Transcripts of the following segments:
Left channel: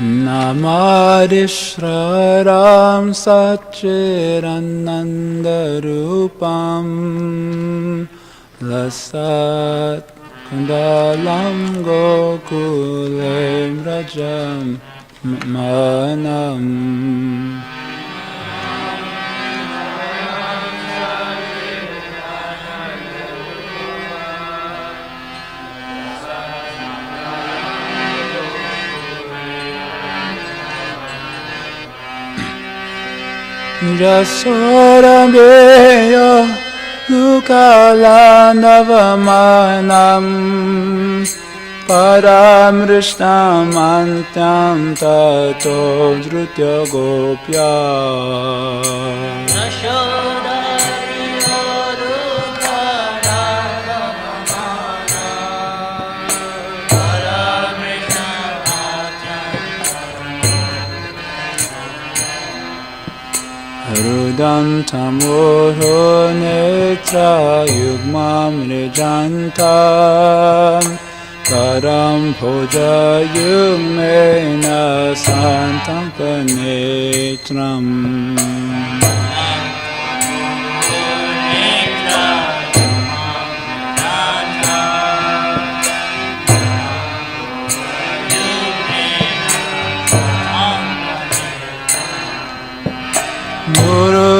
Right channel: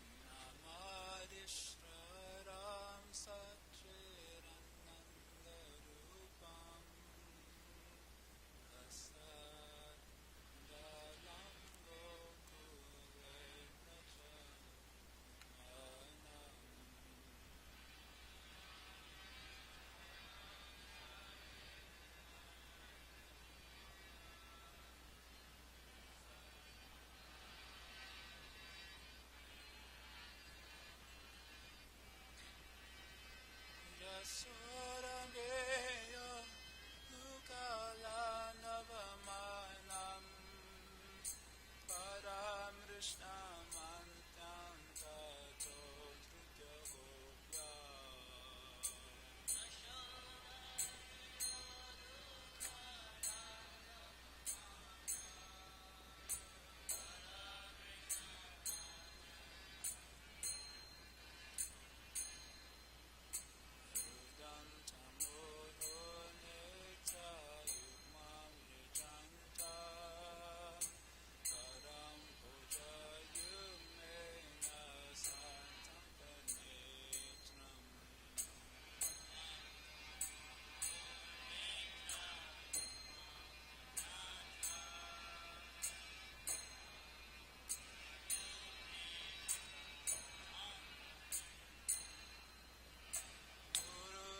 Namadishraram Satchiranandarupam Lasat Kundalam Gokulem Rajam Manam Jasorameya Lukalandavamanam Paramrishnam Antyam Tato Drutya Gopya Rudam tamoro netra yugmam nijantam Karam bhoja yugmena santam panetram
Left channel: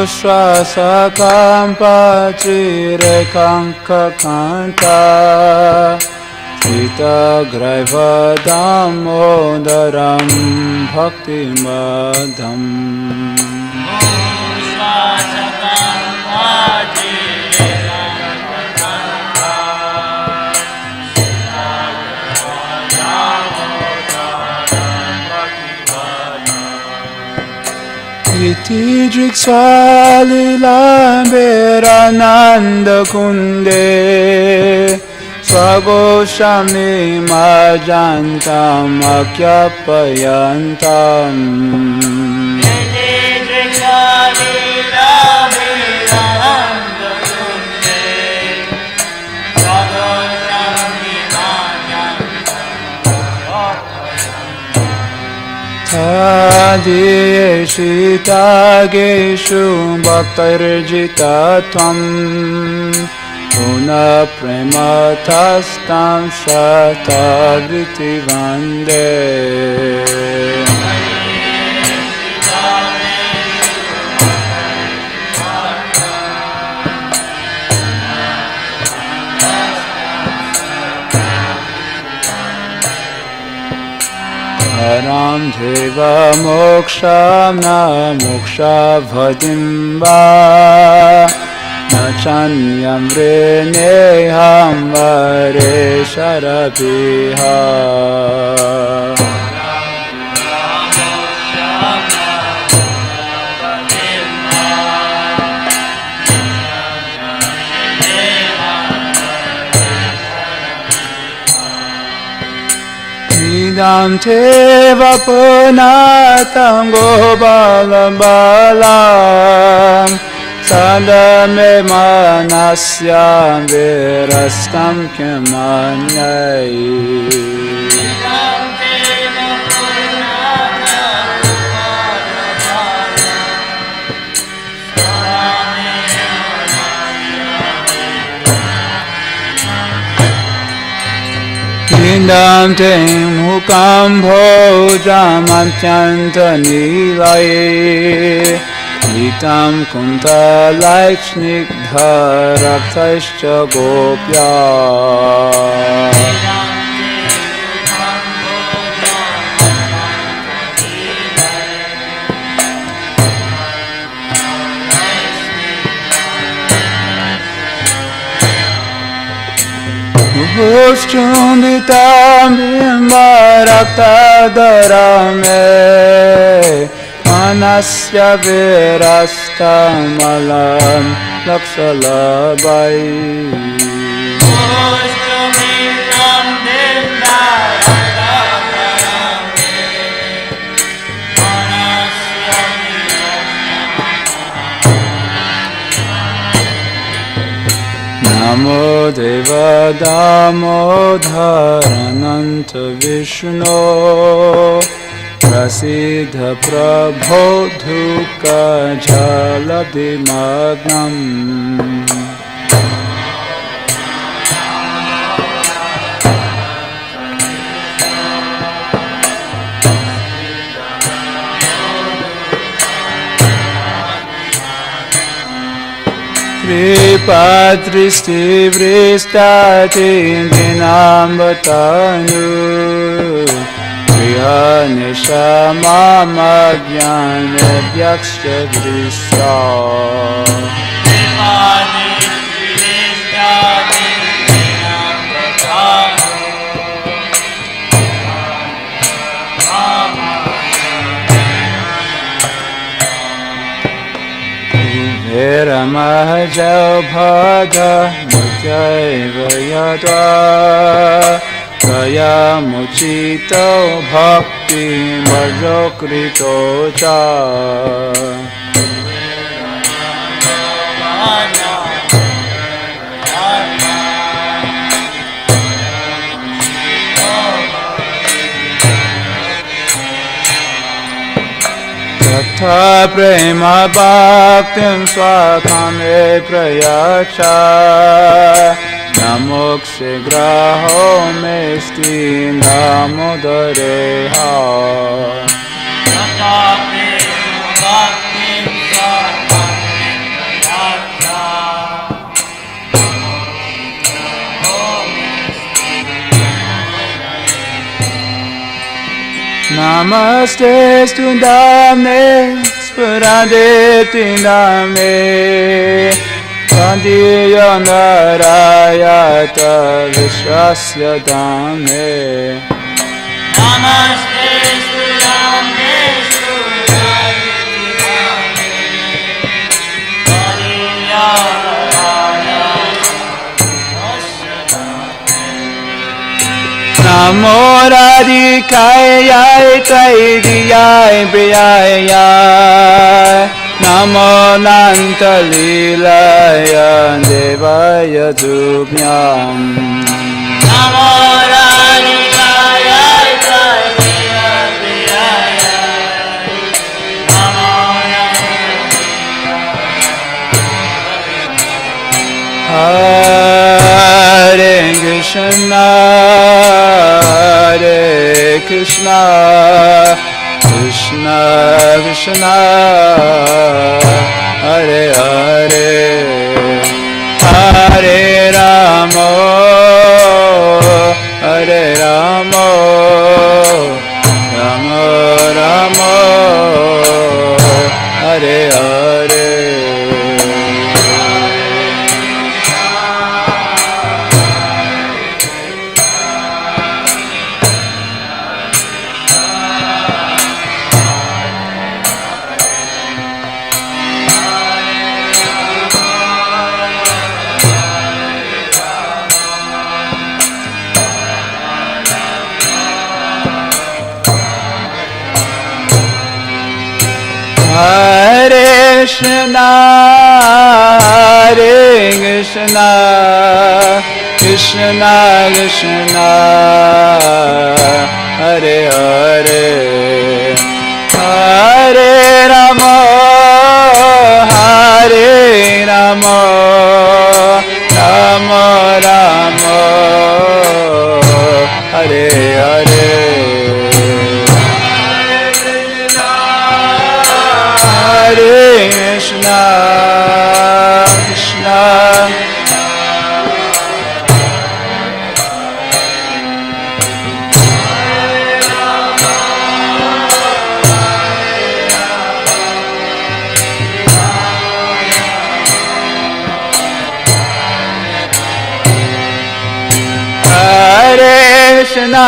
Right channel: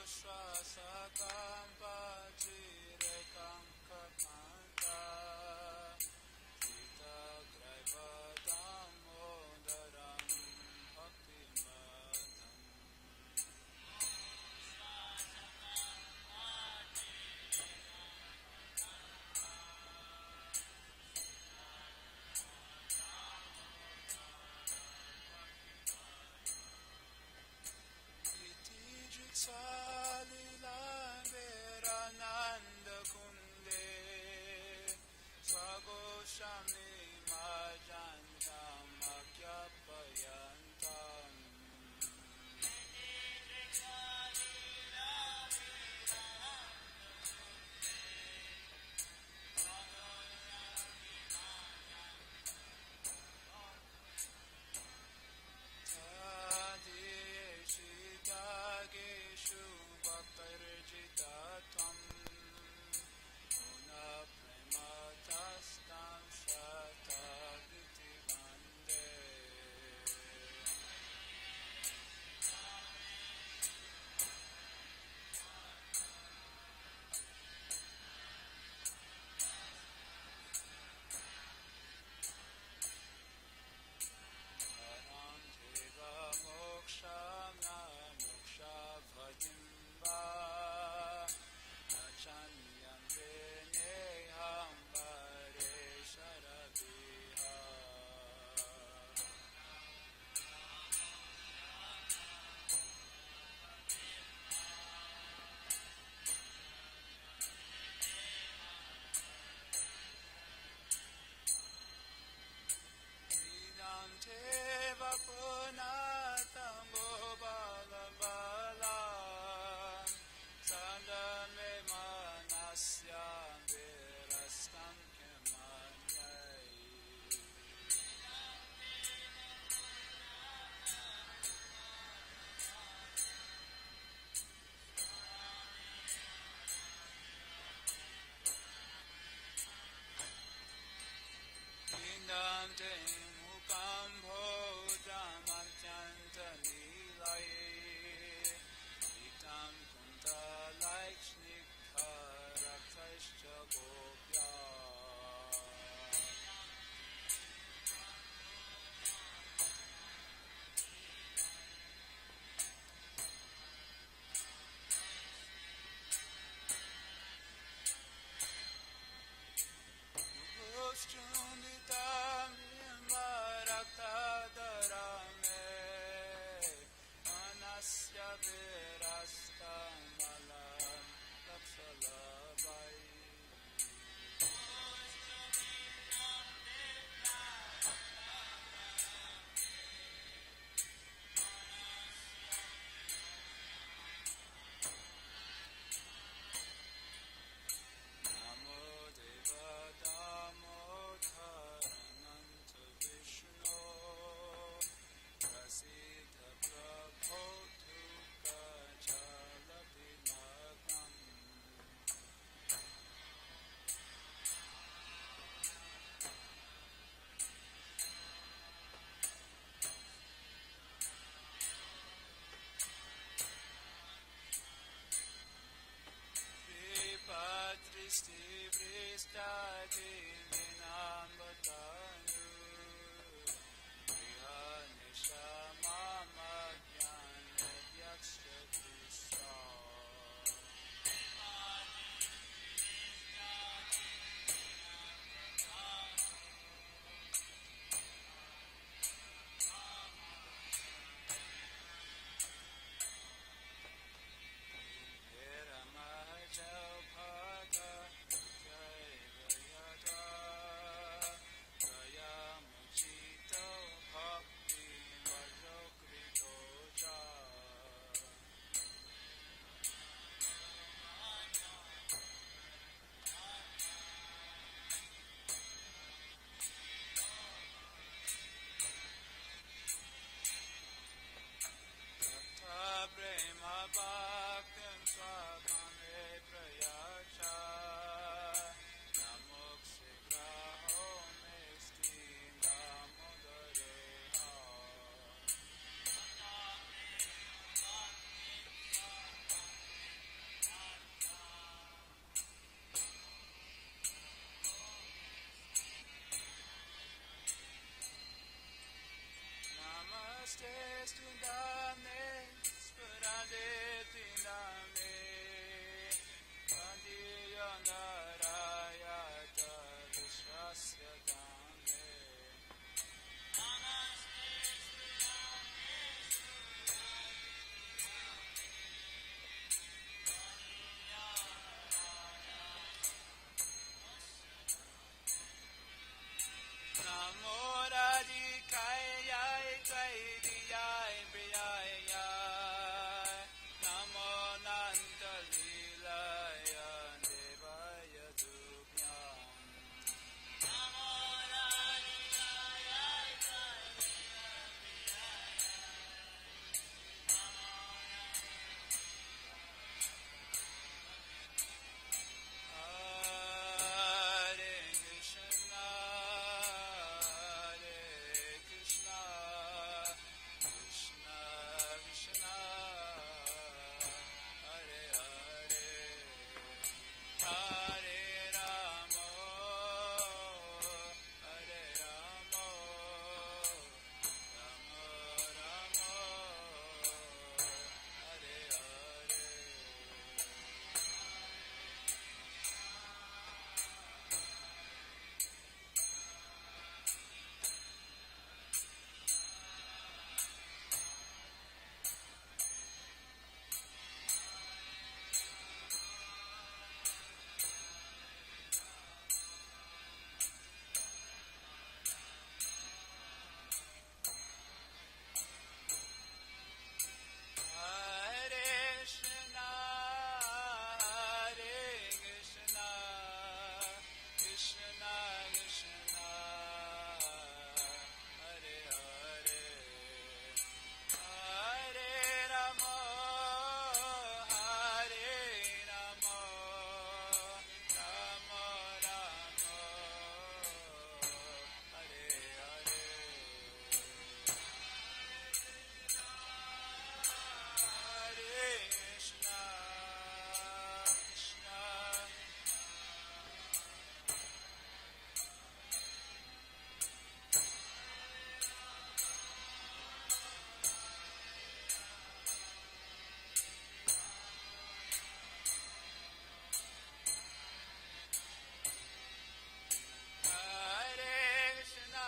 Swasakam pachire kanka kanta Sita graiva damodaram bhakti madham Iti Driksalilamberananda kunde Swagoshami majantam akhyapayantam Tadiyeshitageshu bhaktarjitatam Puna prematastam shatavriti vande Param deva moksham na moksha vadimba na chanyam reneham vare sharapiha Idam te vapunatam gobalam balam Sadame manasyam virastam kemanyai Indam te mukam bhojam antyanta nilai Nitam kunta like snigdha raktaischa gopya Chunditam bimbarakta darame Manasya virastam alam lakshalabai Namo Deva Damodharananta Vishnu Prasidha Prabho Dhuka Jalabdi Magnam Kripadristi Vristati Dinambatanu Prihanisha Mama Jnana Bhyaksha Drisya Ramahajau Bhaga Mutyaiva Yada Kaya Muchito Bhakti Marjokrito Cha Tatha prema bhaktim swakame prayacha Namokshe graho mesti namodareha Tatha prema bhaktim swakame prayacha Namaste stundame, spurade tindame, Kandiya narayata vishwasya dame. Namaste stundame, spurade tindame, Kandiya Namo Radhikayai Taidiyai Priyayai Namo Nantalilaya Devaya Dubhyam Namo Radhikayai Taidiyai Priyayai Namo Nantalilaya Hare Krishna Krishna, Krishna, Krishna, Hare Hare, Hare Rama, Hare Rama, Rama Rama, Hare Hare. Hare Krishna, Hare Krishna, Krishna Krishna, Hare Hare, Hare Rama, Hare Rama, Rama Rama, Hare Hare. Krishna, Krishna, Hare Krishna,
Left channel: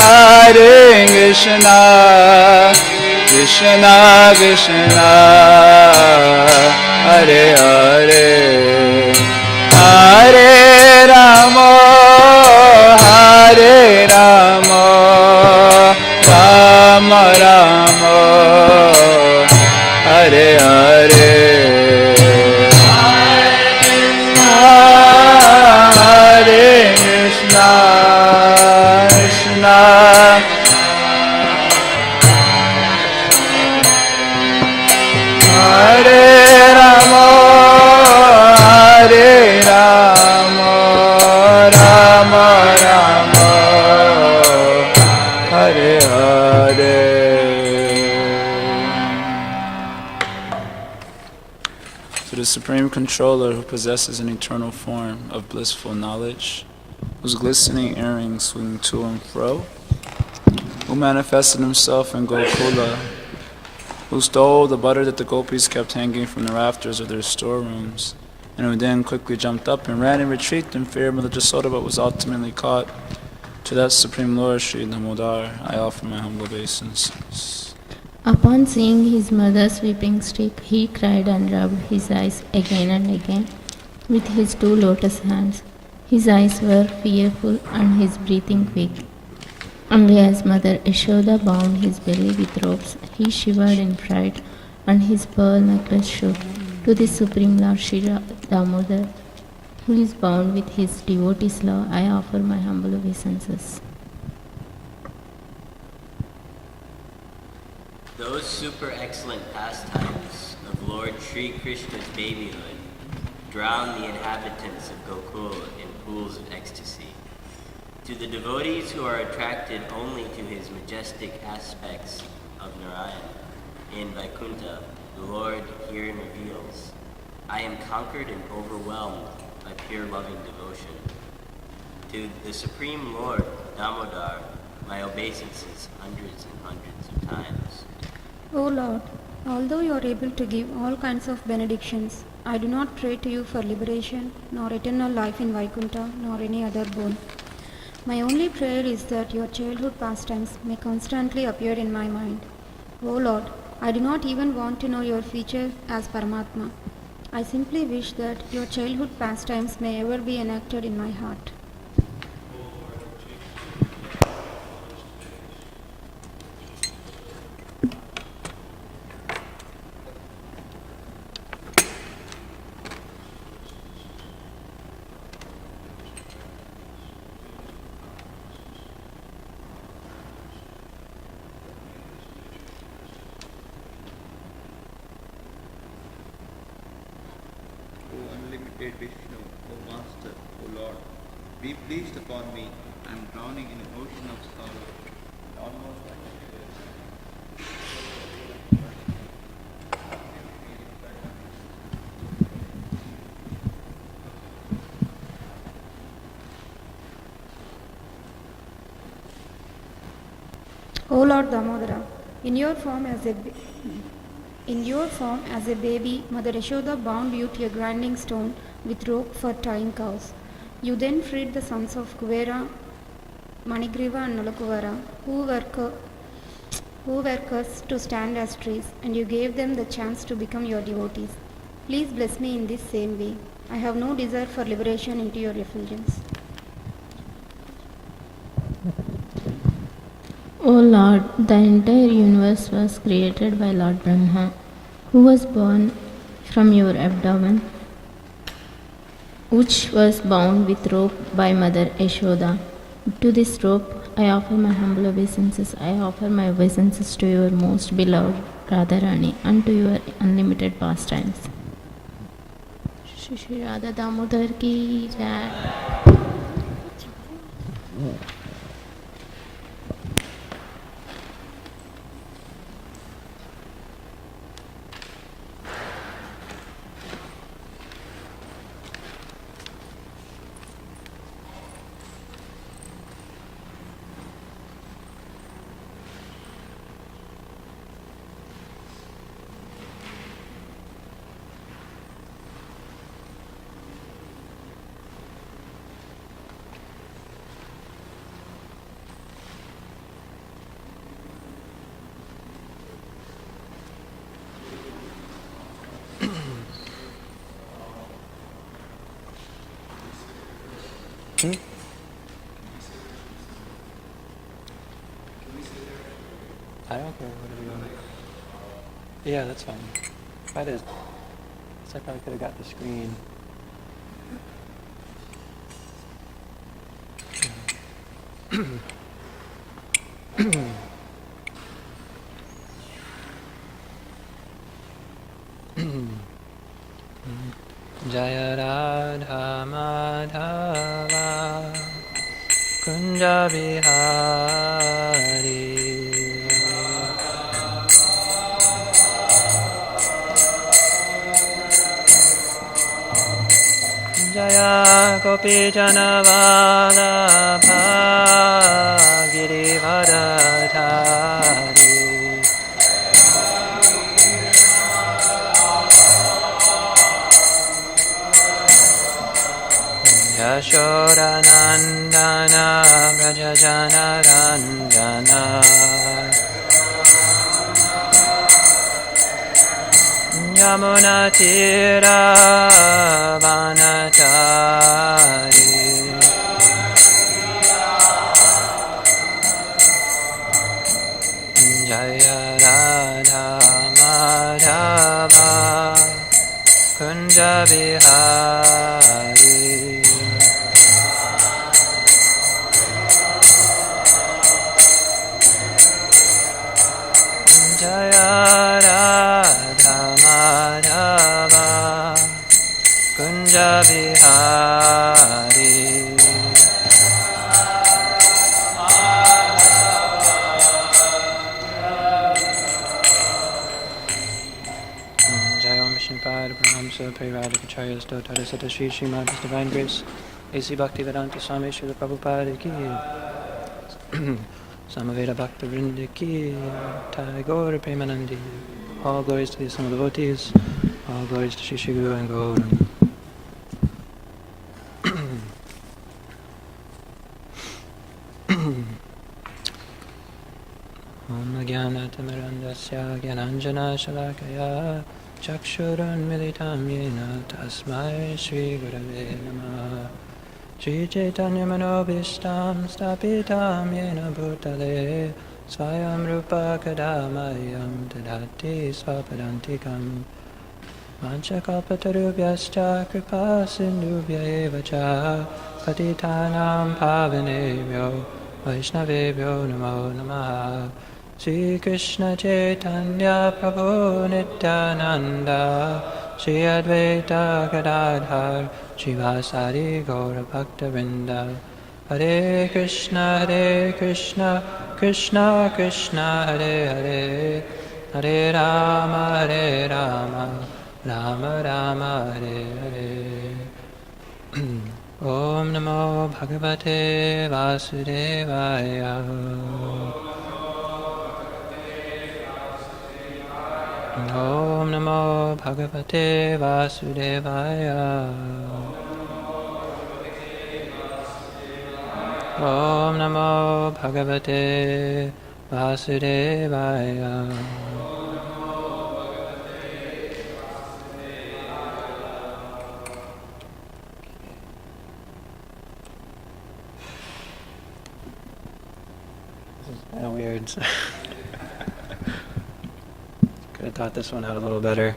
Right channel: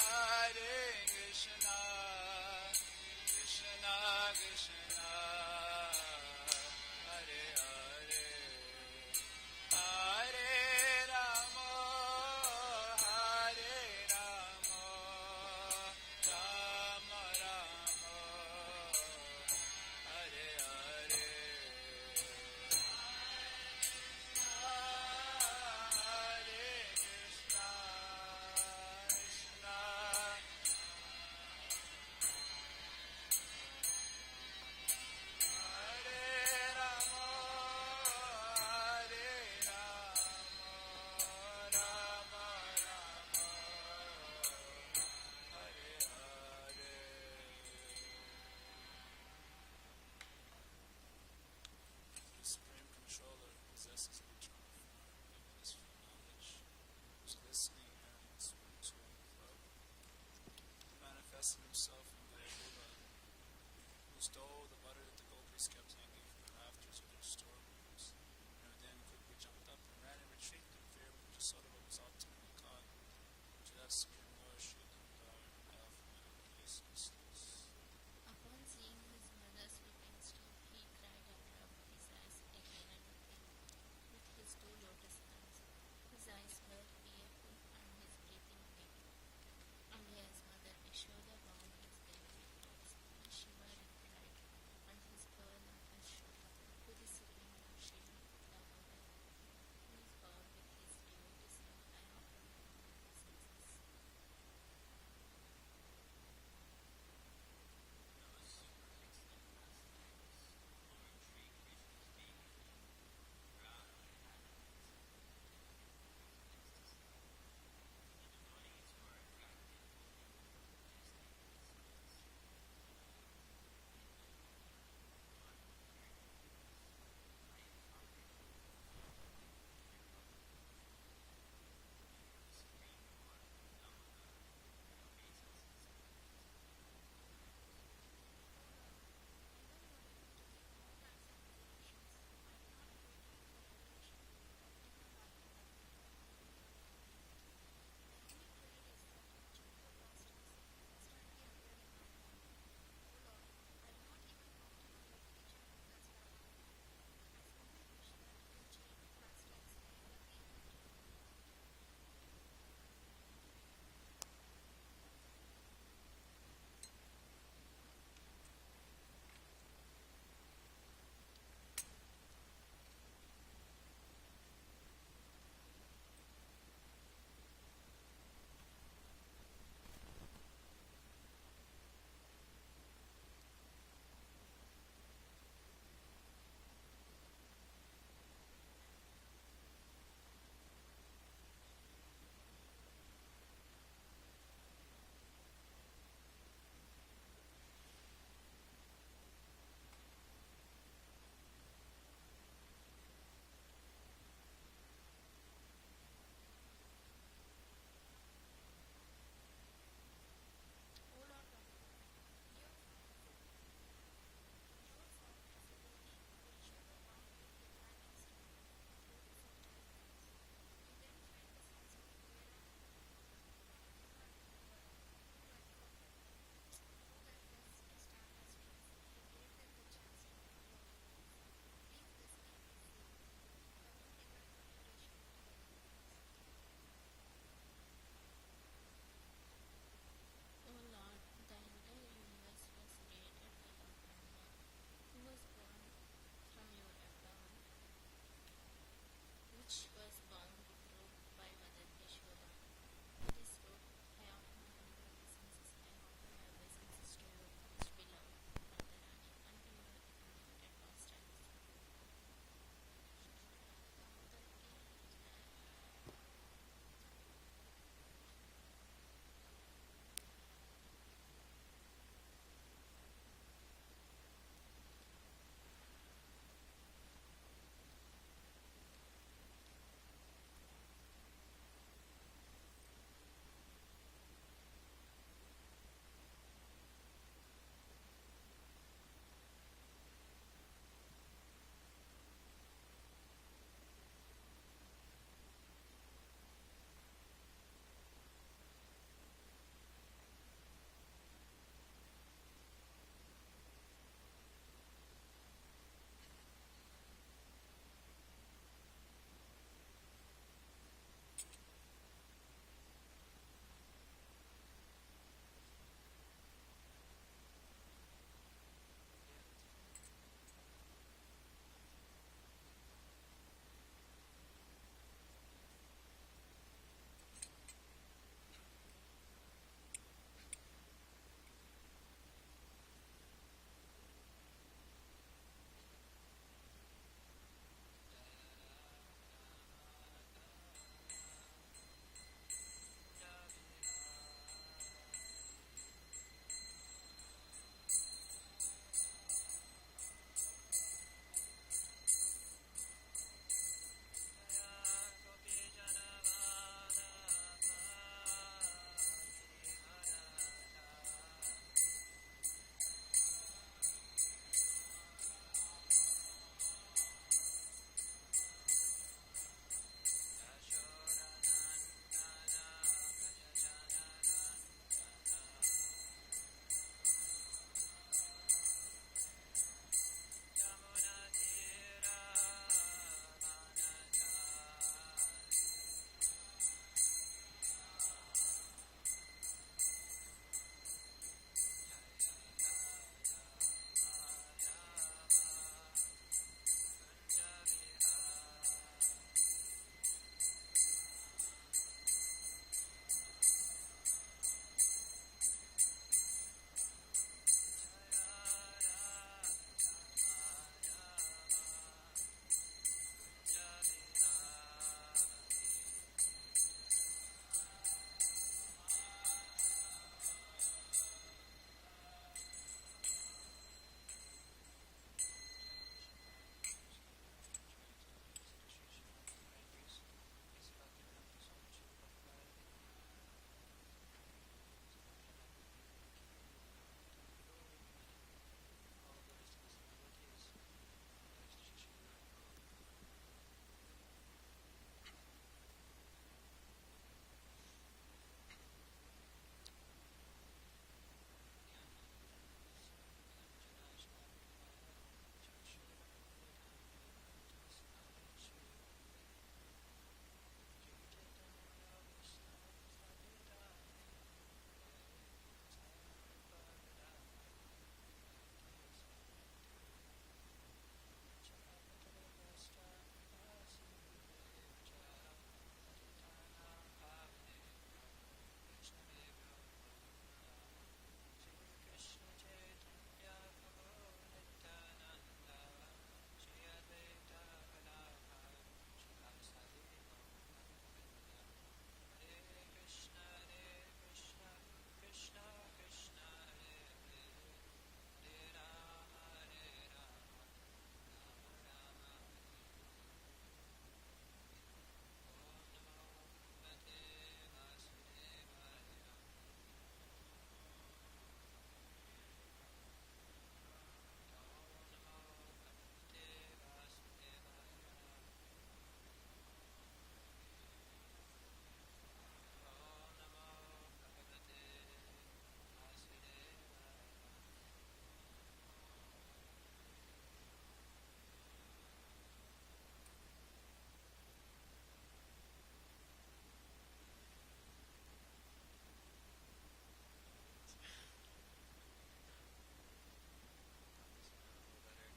Hare Krishna, Krishna Krishna, Hare Hare, Hare Rama, Hare Rama, Rama Rama, Hare Hare. Hare Krishna, Krishna Supreme Controller who possesses an eternal form of blissful knowledge, whose glistening earrings swing to and fro, who manifested himself in Gokula, who stole the butter that the gopis kept hanging from the rafters of their storerooms, and who then quickly jumped up and ran in retreat in fear of Mother Jasoda but was ultimately caught. To that Supreme Lord, Sri Damodar, I offer my humble obeisances. Upon seeing his mother's weeping stick, he cried and rubbed his eyes again and again with his two lotus hands. His eyes were fearful and his breathing quick. Only as Mother Yashoda bound his belly with ropes, he shivered in fright, and his pearl necklace shook. To the Supreme Lord Sri Damodar, who is bound with his devotee's love, I offer my humble obeisances. Those super excellent pastimes of Lord Sri Krishna's babyhood drown the inhabitants of Gokul in pools of ecstasy. To the devotees who are attracted only to his majestic aspects of Narayan in Vaikuntha, the Lord herein reveals, I am conquered and overwhelmed by pure loving devotion. To the Supreme Lord Damodar, my obeisances hundreds and hundreds of times. O Lord, although you are able to give all kinds of benedictions, I do not pray to you for liberation, nor eternal life in Vaikuntha, nor any other boon. My only prayer is that your childhood pastimes may constantly appear in my mind. O Lord, I do not even want to know your features as Paramatma. I simply wish that your childhood pastimes may ever be enacted in my heart. Unlimited Vishnu, O Master, O Lord, be pleased upon me. I am drowning in an ocean of sorrow, almost like O Lord Damodara, in your form as a baby, Mother Yashoda bound you to a grinding stone with rope for tying cows. You then freed the sons of Kuvera, Manigriva and Nalakuvara, who were cursed to stand as trees, and you gave them the chance to become your devotees. Please bless me in this same way. I have no desire for liberation into your effulgence. O Lord, the entire universe was created by Lord Brahma, who was born from your abdomen, which was bound with rope by Mother Yashoda. To this rope, I offer my humble obeisances. I offer my obeisances to your most beloved Radharani and to your unlimited pastimes. Shri Radha Damodar ki jai. I don't care, whatever you want. Yeah, that's fine. That is. So I probably could have got the screen. Jaya Radha Madhava Kunja Bihari Jaya Gopi Janavalabha Girivardhari Yashodanandana Brajajanaranjana Yamunatira Vanachari Jaya Radha Madhava Kunja Bihari Jaya Radha Madhava Kunja Bihari Jai Om Vishnupada Paramahamsa Parivartikacharya Stotara Sata Shri Srimad His Divine Grace A.C. Bhaktivedanta Swami Srila Prabhupada Ki Samaveda Bhakta Vrinda Ki Tagore Premanandi. All glories to the Assembled Devotees. All glories to Shri Shri Guru and Gauranga. Om Jnanatamirandasya Gyananjana Shalakaya Chakshurunmilitam Yena Tasmai Shri Gurave Namaha Shri Chaitanya Manobhishtam Stapitam Yena Bhutale Swayam Rupa Kadamayam Tadati Swapadantikam Vanchakalpatarubhyascha Kripa Sindhubhya Eva Cha Patitanam Pavanebhyo Vaishnavebhyo Namo Namaha Shri Krishna Chaitanya Prabhu Nityananda Shri Advaita Gadadhar Shivasari Gaura Bhakta Vrinda Hare Krishna Krishna Krishna Hare Hare Hare Rama Rama Rama Hare Hare Om Namo Bhagavate Vasudevaya Om Namo Bhagavate Vasudevaya Om Namo Bhagavate Vasudevaya This is kind of weird. Could have thought this one out a little better.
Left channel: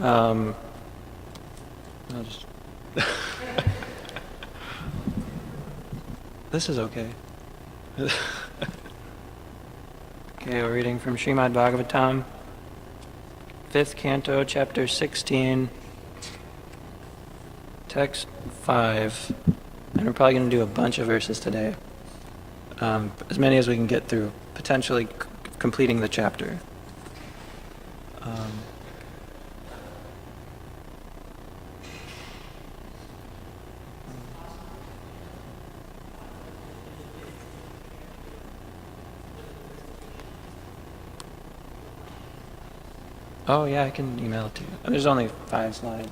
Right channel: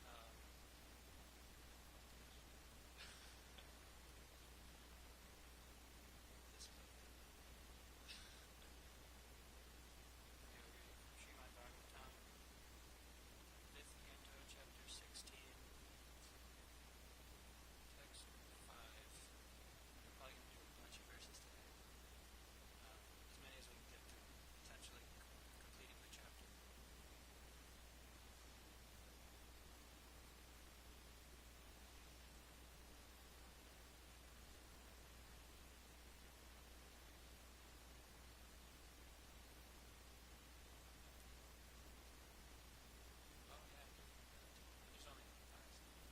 I'll just. This is okay. Okay, we're reading from Srimad Bhagavatam, 5th canto, chapter 16, text 5. And we're probably going to do a bunch of verses today. As many as we can get through, potentially completing the chapter. Oh yeah, I can email it to you. There's only 5 slides.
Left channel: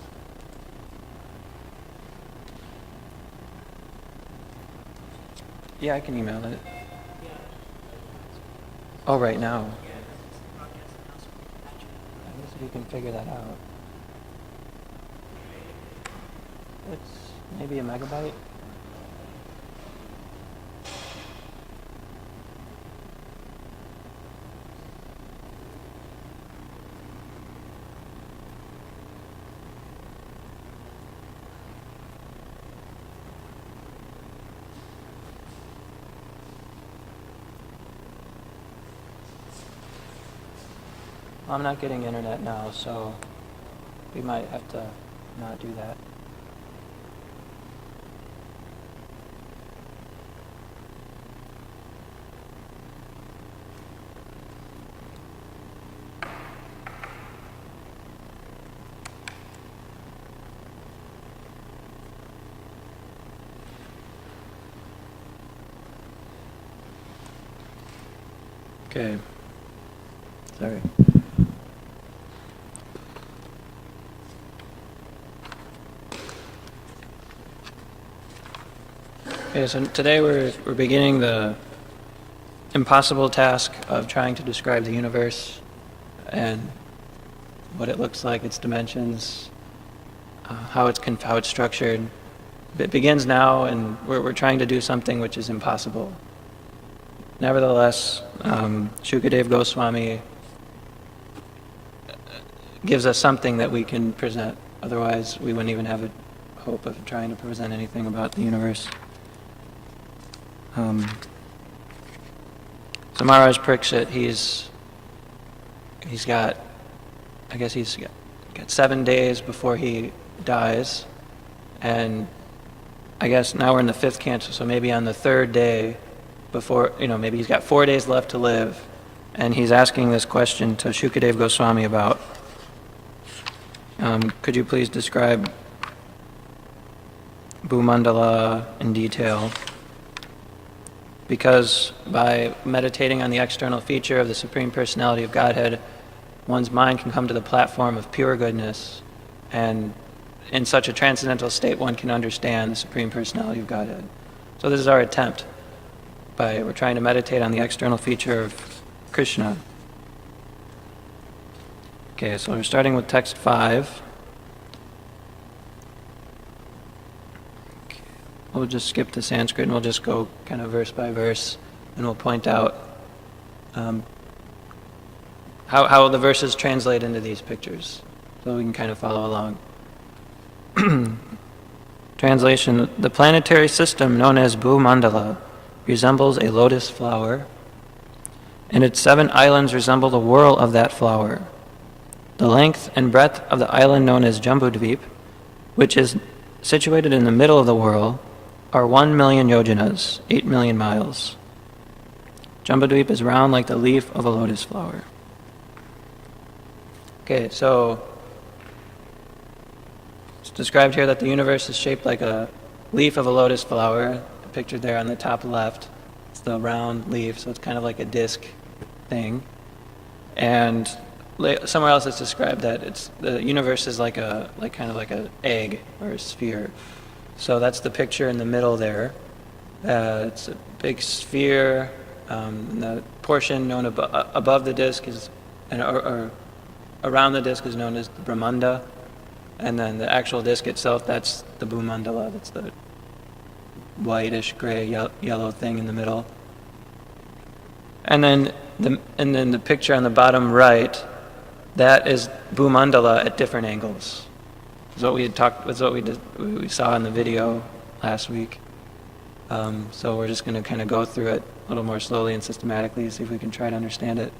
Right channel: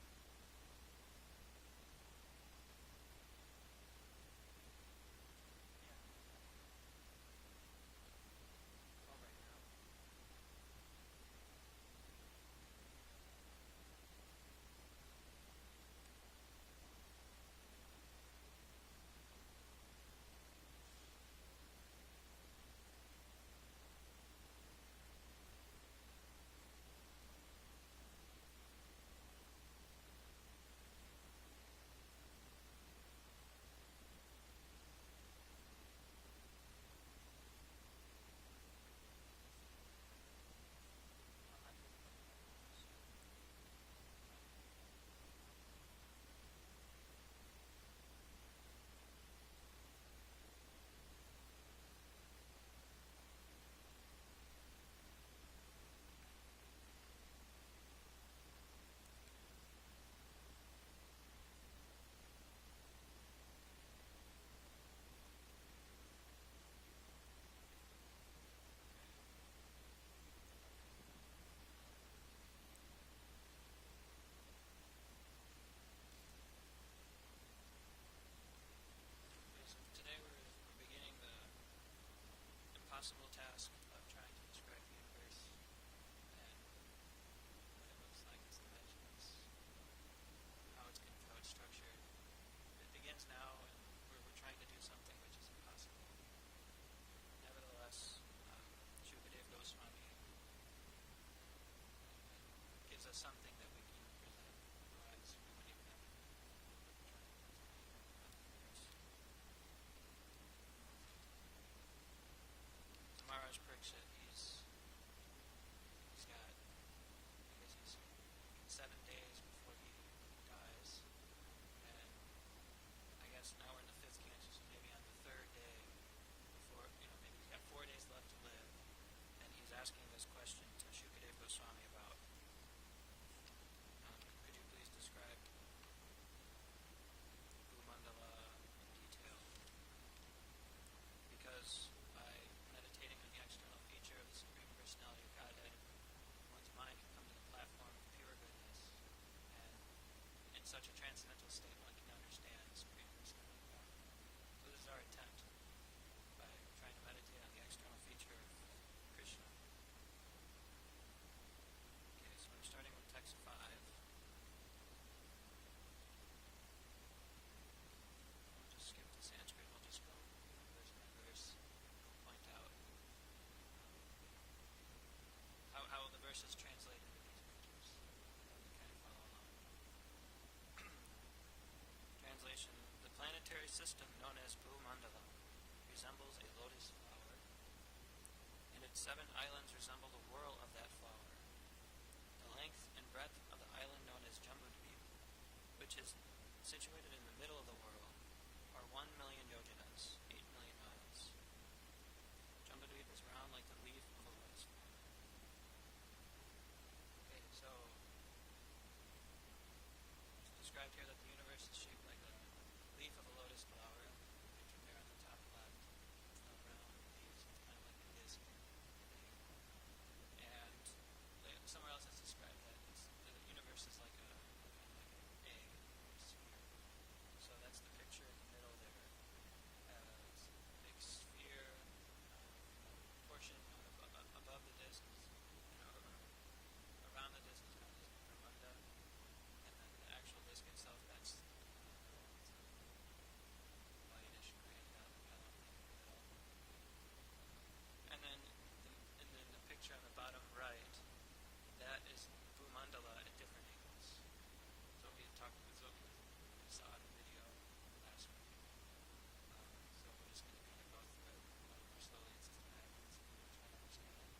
Yeah, I can email it. Oh, right now. I guess if you can figure that out. It's maybe a megabyte. I'm not getting internet now, so we might have to not do that. Okay. Sorry. Okay, so today we're beginning the impossible task of trying to describe the universe and what it looks like, its dimensions, how it's structured. It begins now, and we're trying to do something which is impossible. Nevertheless, Shukadeva Goswami gives us something that we can present. Otherwise, we wouldn't even have a hope of trying to present anything about the universe. So Maharaj Parikshit, he's got 7 days before he dies, and I guess now we're in the 5th canto, so maybe on the 3rd day before, maybe he's got 4 days left to live, and he's asking this question to Shukadeva Goswami about, could you please describe Bhumandala in detail? Because by meditating on the external feature of the Supreme Personality of Godhead, one's mind can come to the platform of pure goodness, and in such a transcendental state one can understand the Supreme Personality of Godhead. So this is our attempt. We're trying to meditate on the external feature of Krishna. Okay, so we're starting with text 5. We'll just skip the Sanskrit and we'll just go kind of verse by verse, and we'll point out how the verses translate into these pictures, so we can kind of follow along. Translation: the planetary system known as Bhumandala resembles a lotus flower, and its 7 islands resemble the whorl of that flower. The length and breadth of the island known as Jambudvip, which is situated in the middle of the whorl, are 1 million yojanas, 8 million miles. Jambudvip is round like the leaf of a lotus flower. Okay, so it's described here that the universe is shaped like a leaf of a lotus flower, pictured there on the top left. It's the round leaf, so it's kind of like a disc thing. And somewhere else it's described that the universe is kind of like an egg or a sphere. So that's the picture in the middle there. It's a big sphere. The portion known above the disc or around the disc is known as the Brahmanda, and then the actual disc itself, that's the Bhumandala. That's the whitish gray yellow thing in the middle. And then the picture on the bottom right, that is Bhumandala at different angles. We saw in the video last week. So we're just going to kind of go through it a little more slowly and systematically, see if we can try to understand it.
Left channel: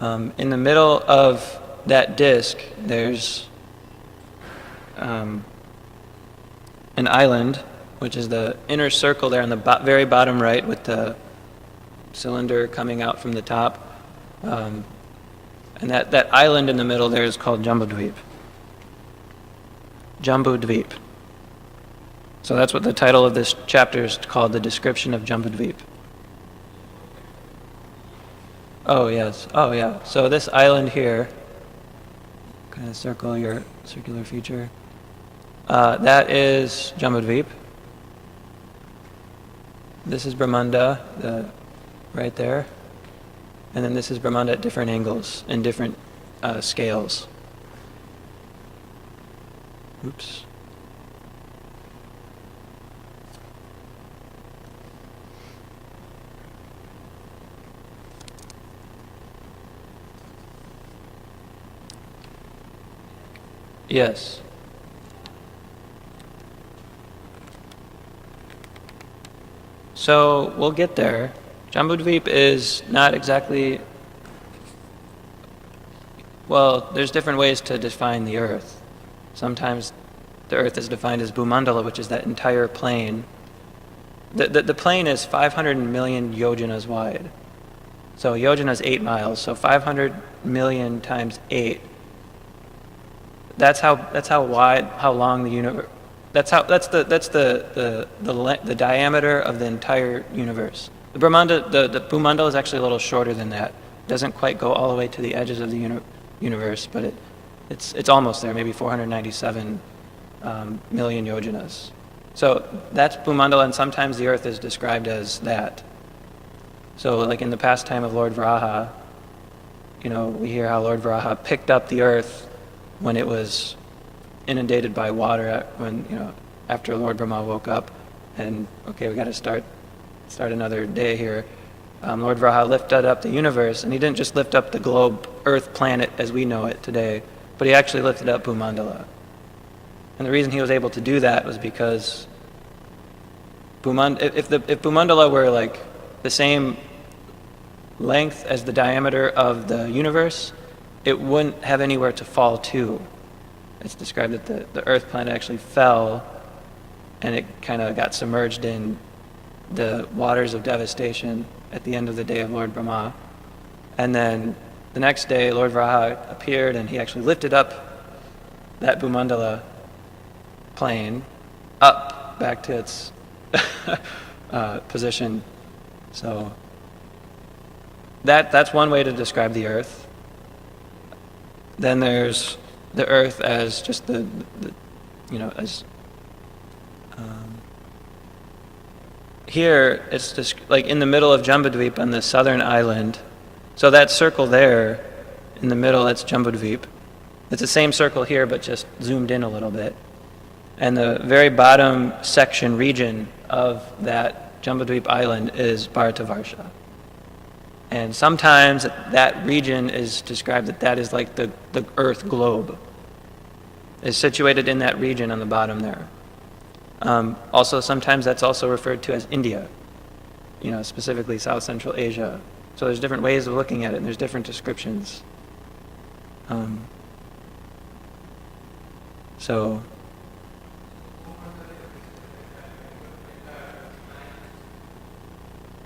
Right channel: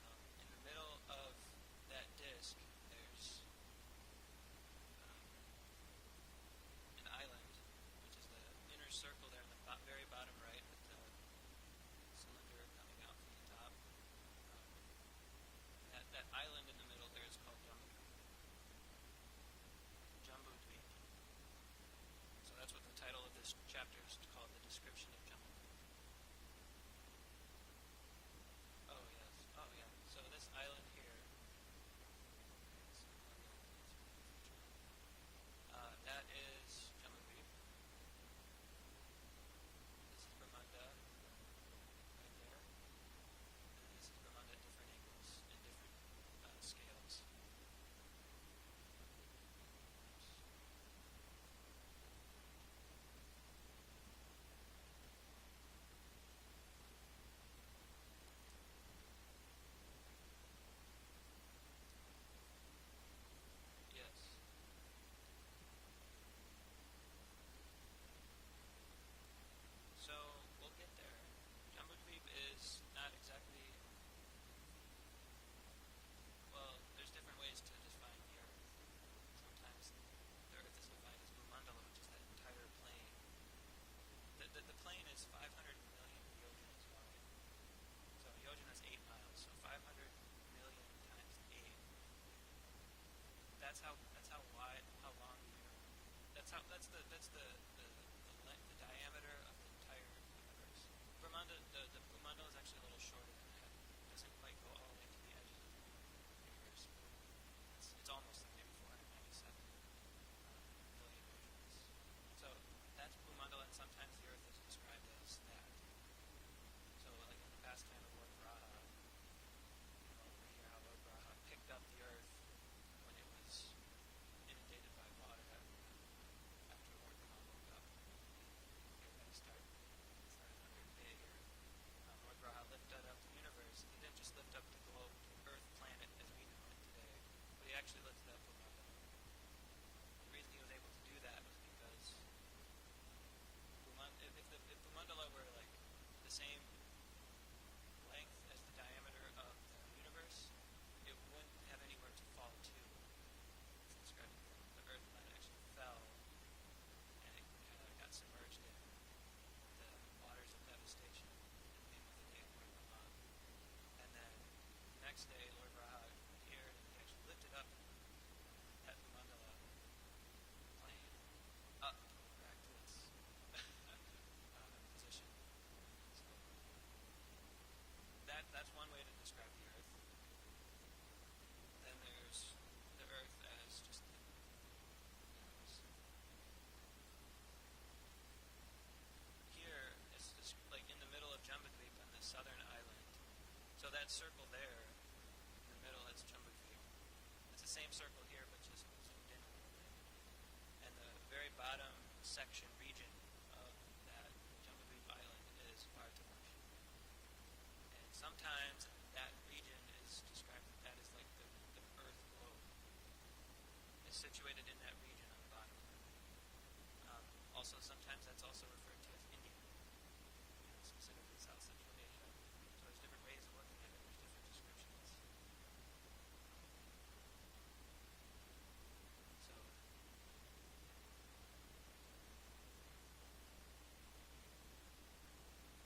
In the middle of that disc, there's an island, which is the inner circle there on the very bottom right with the cylinder coming out from the top. And that island in the middle there is called Jambudvip. Jambudvip. So that's what the title of this chapter is called, the description of Jambudvip. Oh, yes. Oh, yeah. So this island here, kind of circle your circular feature, that is Jambudvip. This is Brahmanda, right there. And then this is Brahmanda at different angles and different scales. Oops. Yes. So we'll get there. Jambudvip is not exactly, well, there's different ways to define the earth. Sometimes the earth is defined as Bhumandala, which is that entire plane. The plane is 500 million yojanas wide. So yojana is 8 miles, so 500 million times 8. That's how wide, how long the universe. That's the diameter of the entire universe. The Brahmanda, the Bhumandala is actually a little shorter than that. It doesn't quite go all the way to the edges of the universe, but it's almost there, maybe 497 million yojanas. So that's Bhumandala, and sometimes the earth is described as that. So like in the pastime of Lord Varaha, we hear how Lord Varaha picked up the earth when it was inundated by water, after Lord Brahma woke up, and okay, we got to start another day here. Lord Varaha lifted up the universe, and he didn't just lift up the globe, Earth, planet as we know it today, but he actually lifted up Bhumandala. And the reason he was able to do that was because if Bhumandala were like the same length as the diameter of the universe, it wouldn't have anywhere to fall to. It's described that the Earth planet actually fell, and it kind of got submerged in the waters of devastation at the end of the day of Lord Brahma. And then the next day, Lord Varaha appeared, and he actually lifted up that Bhumandala plane up back to its position. So that's one way to describe the earth. Then there's the earth as just here it's just like in the middle of Jambudvip on the southern island. So that circle there in the middle, that's Jambudvip. It's the same circle here, but just zoomed in a little bit. And the very bottom section region of that Jambudvip island is Bharatavarsha. And sometimes that region is described that is like the Earth globe. Is situated in that region on the bottom there. Also, sometimes that's also referred to as India, specifically South Central Asia. So there's different ways of looking at it, and there's different descriptions. So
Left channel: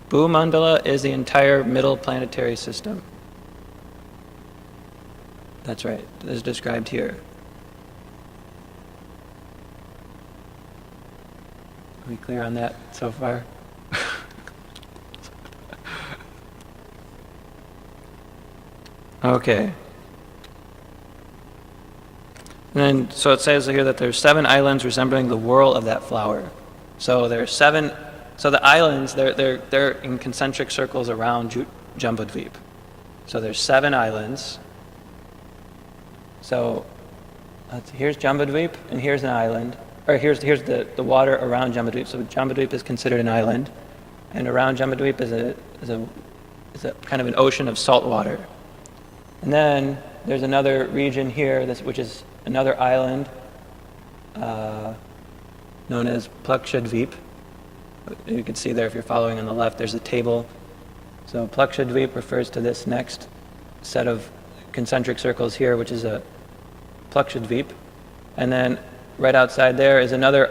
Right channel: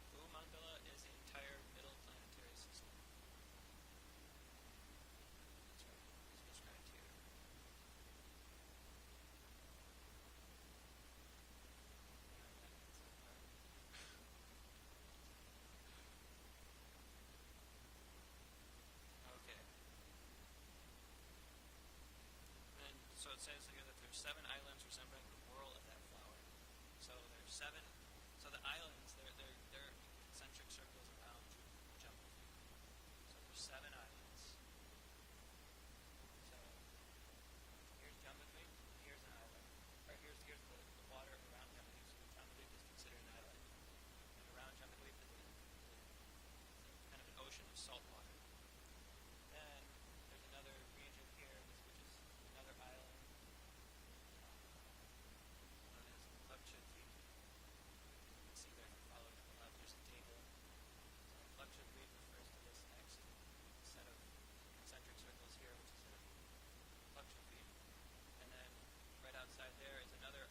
Bhumandala is the entire middle planetary system. That's right, as described here. Are we clear on that so far? Okay. And then, so it says here that there's 7 islands resembling the whorl of that flower. So there's 7. So the islands, they're in concentric circles around Jambudvip. So there's 7 islands. So here's Jambudvip, and here's an island. Or here's the water around Jambudvip. So Jambudvip is considered an island, and around Jambudvip is a kind of an ocean of salt water. And then there's another region here, which is another island known as Plakshadvip. You can see there, if you're following on the left, there's a table. So Plakshadvip refers to this next set of concentric circles here, which is a Plakshadvip. And then right outside there is another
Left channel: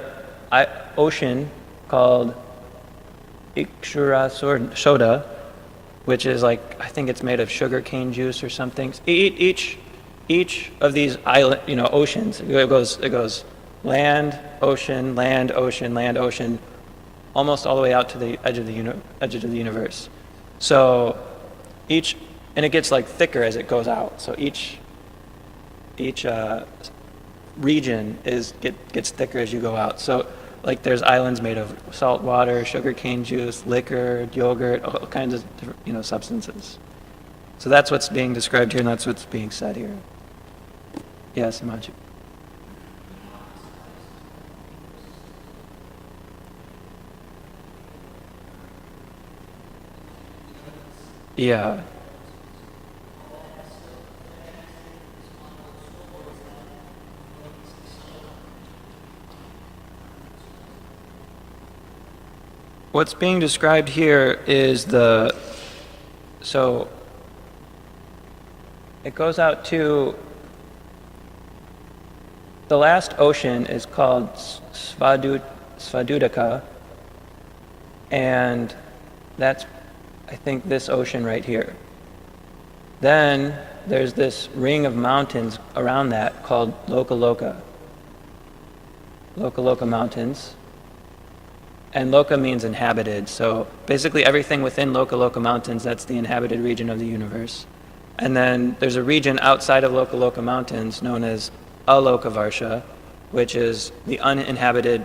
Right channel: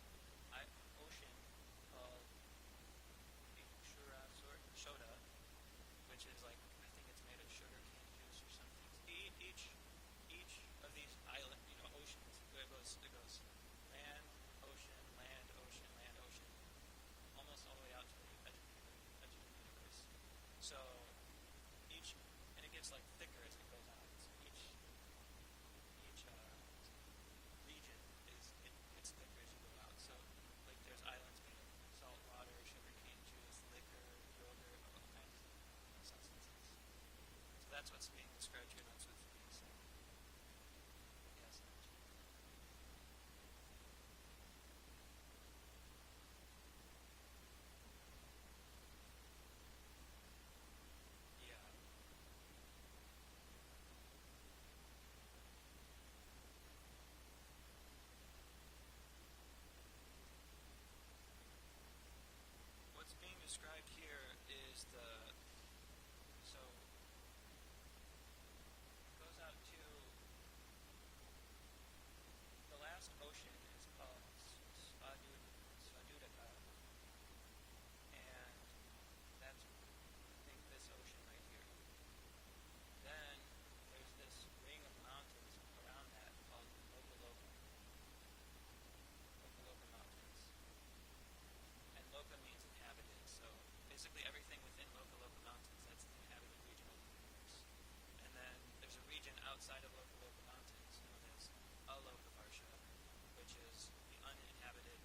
ocean called Ikshura, which is like, I think it's made of sugar cane juice or something. Each of these island, oceans, it goes land, ocean, land, ocean, land, ocean, almost all the way out to the edge of the universe. So and it gets like thicker as it goes out. So each region gets thicker as you go out. So like there's islands made of salt water, sugar cane juice, liquor, yogurt, all kinds of different, substances. So that's what's being described here, and that's what's being said here. Yes, Himanshu. Yeah. What's being described here is so it goes out to, the last ocean is called Svadudaka, and that's, I think, this ocean right here. Then there's this ring of mountains around that called Lokaloka Mountains. And loka means inhabited. So basically everything within Loka Mountains, that's the inhabited region of the universe. And then there's a region outside of Loka Mountains known as Aloka Varsha, which is the uninhabited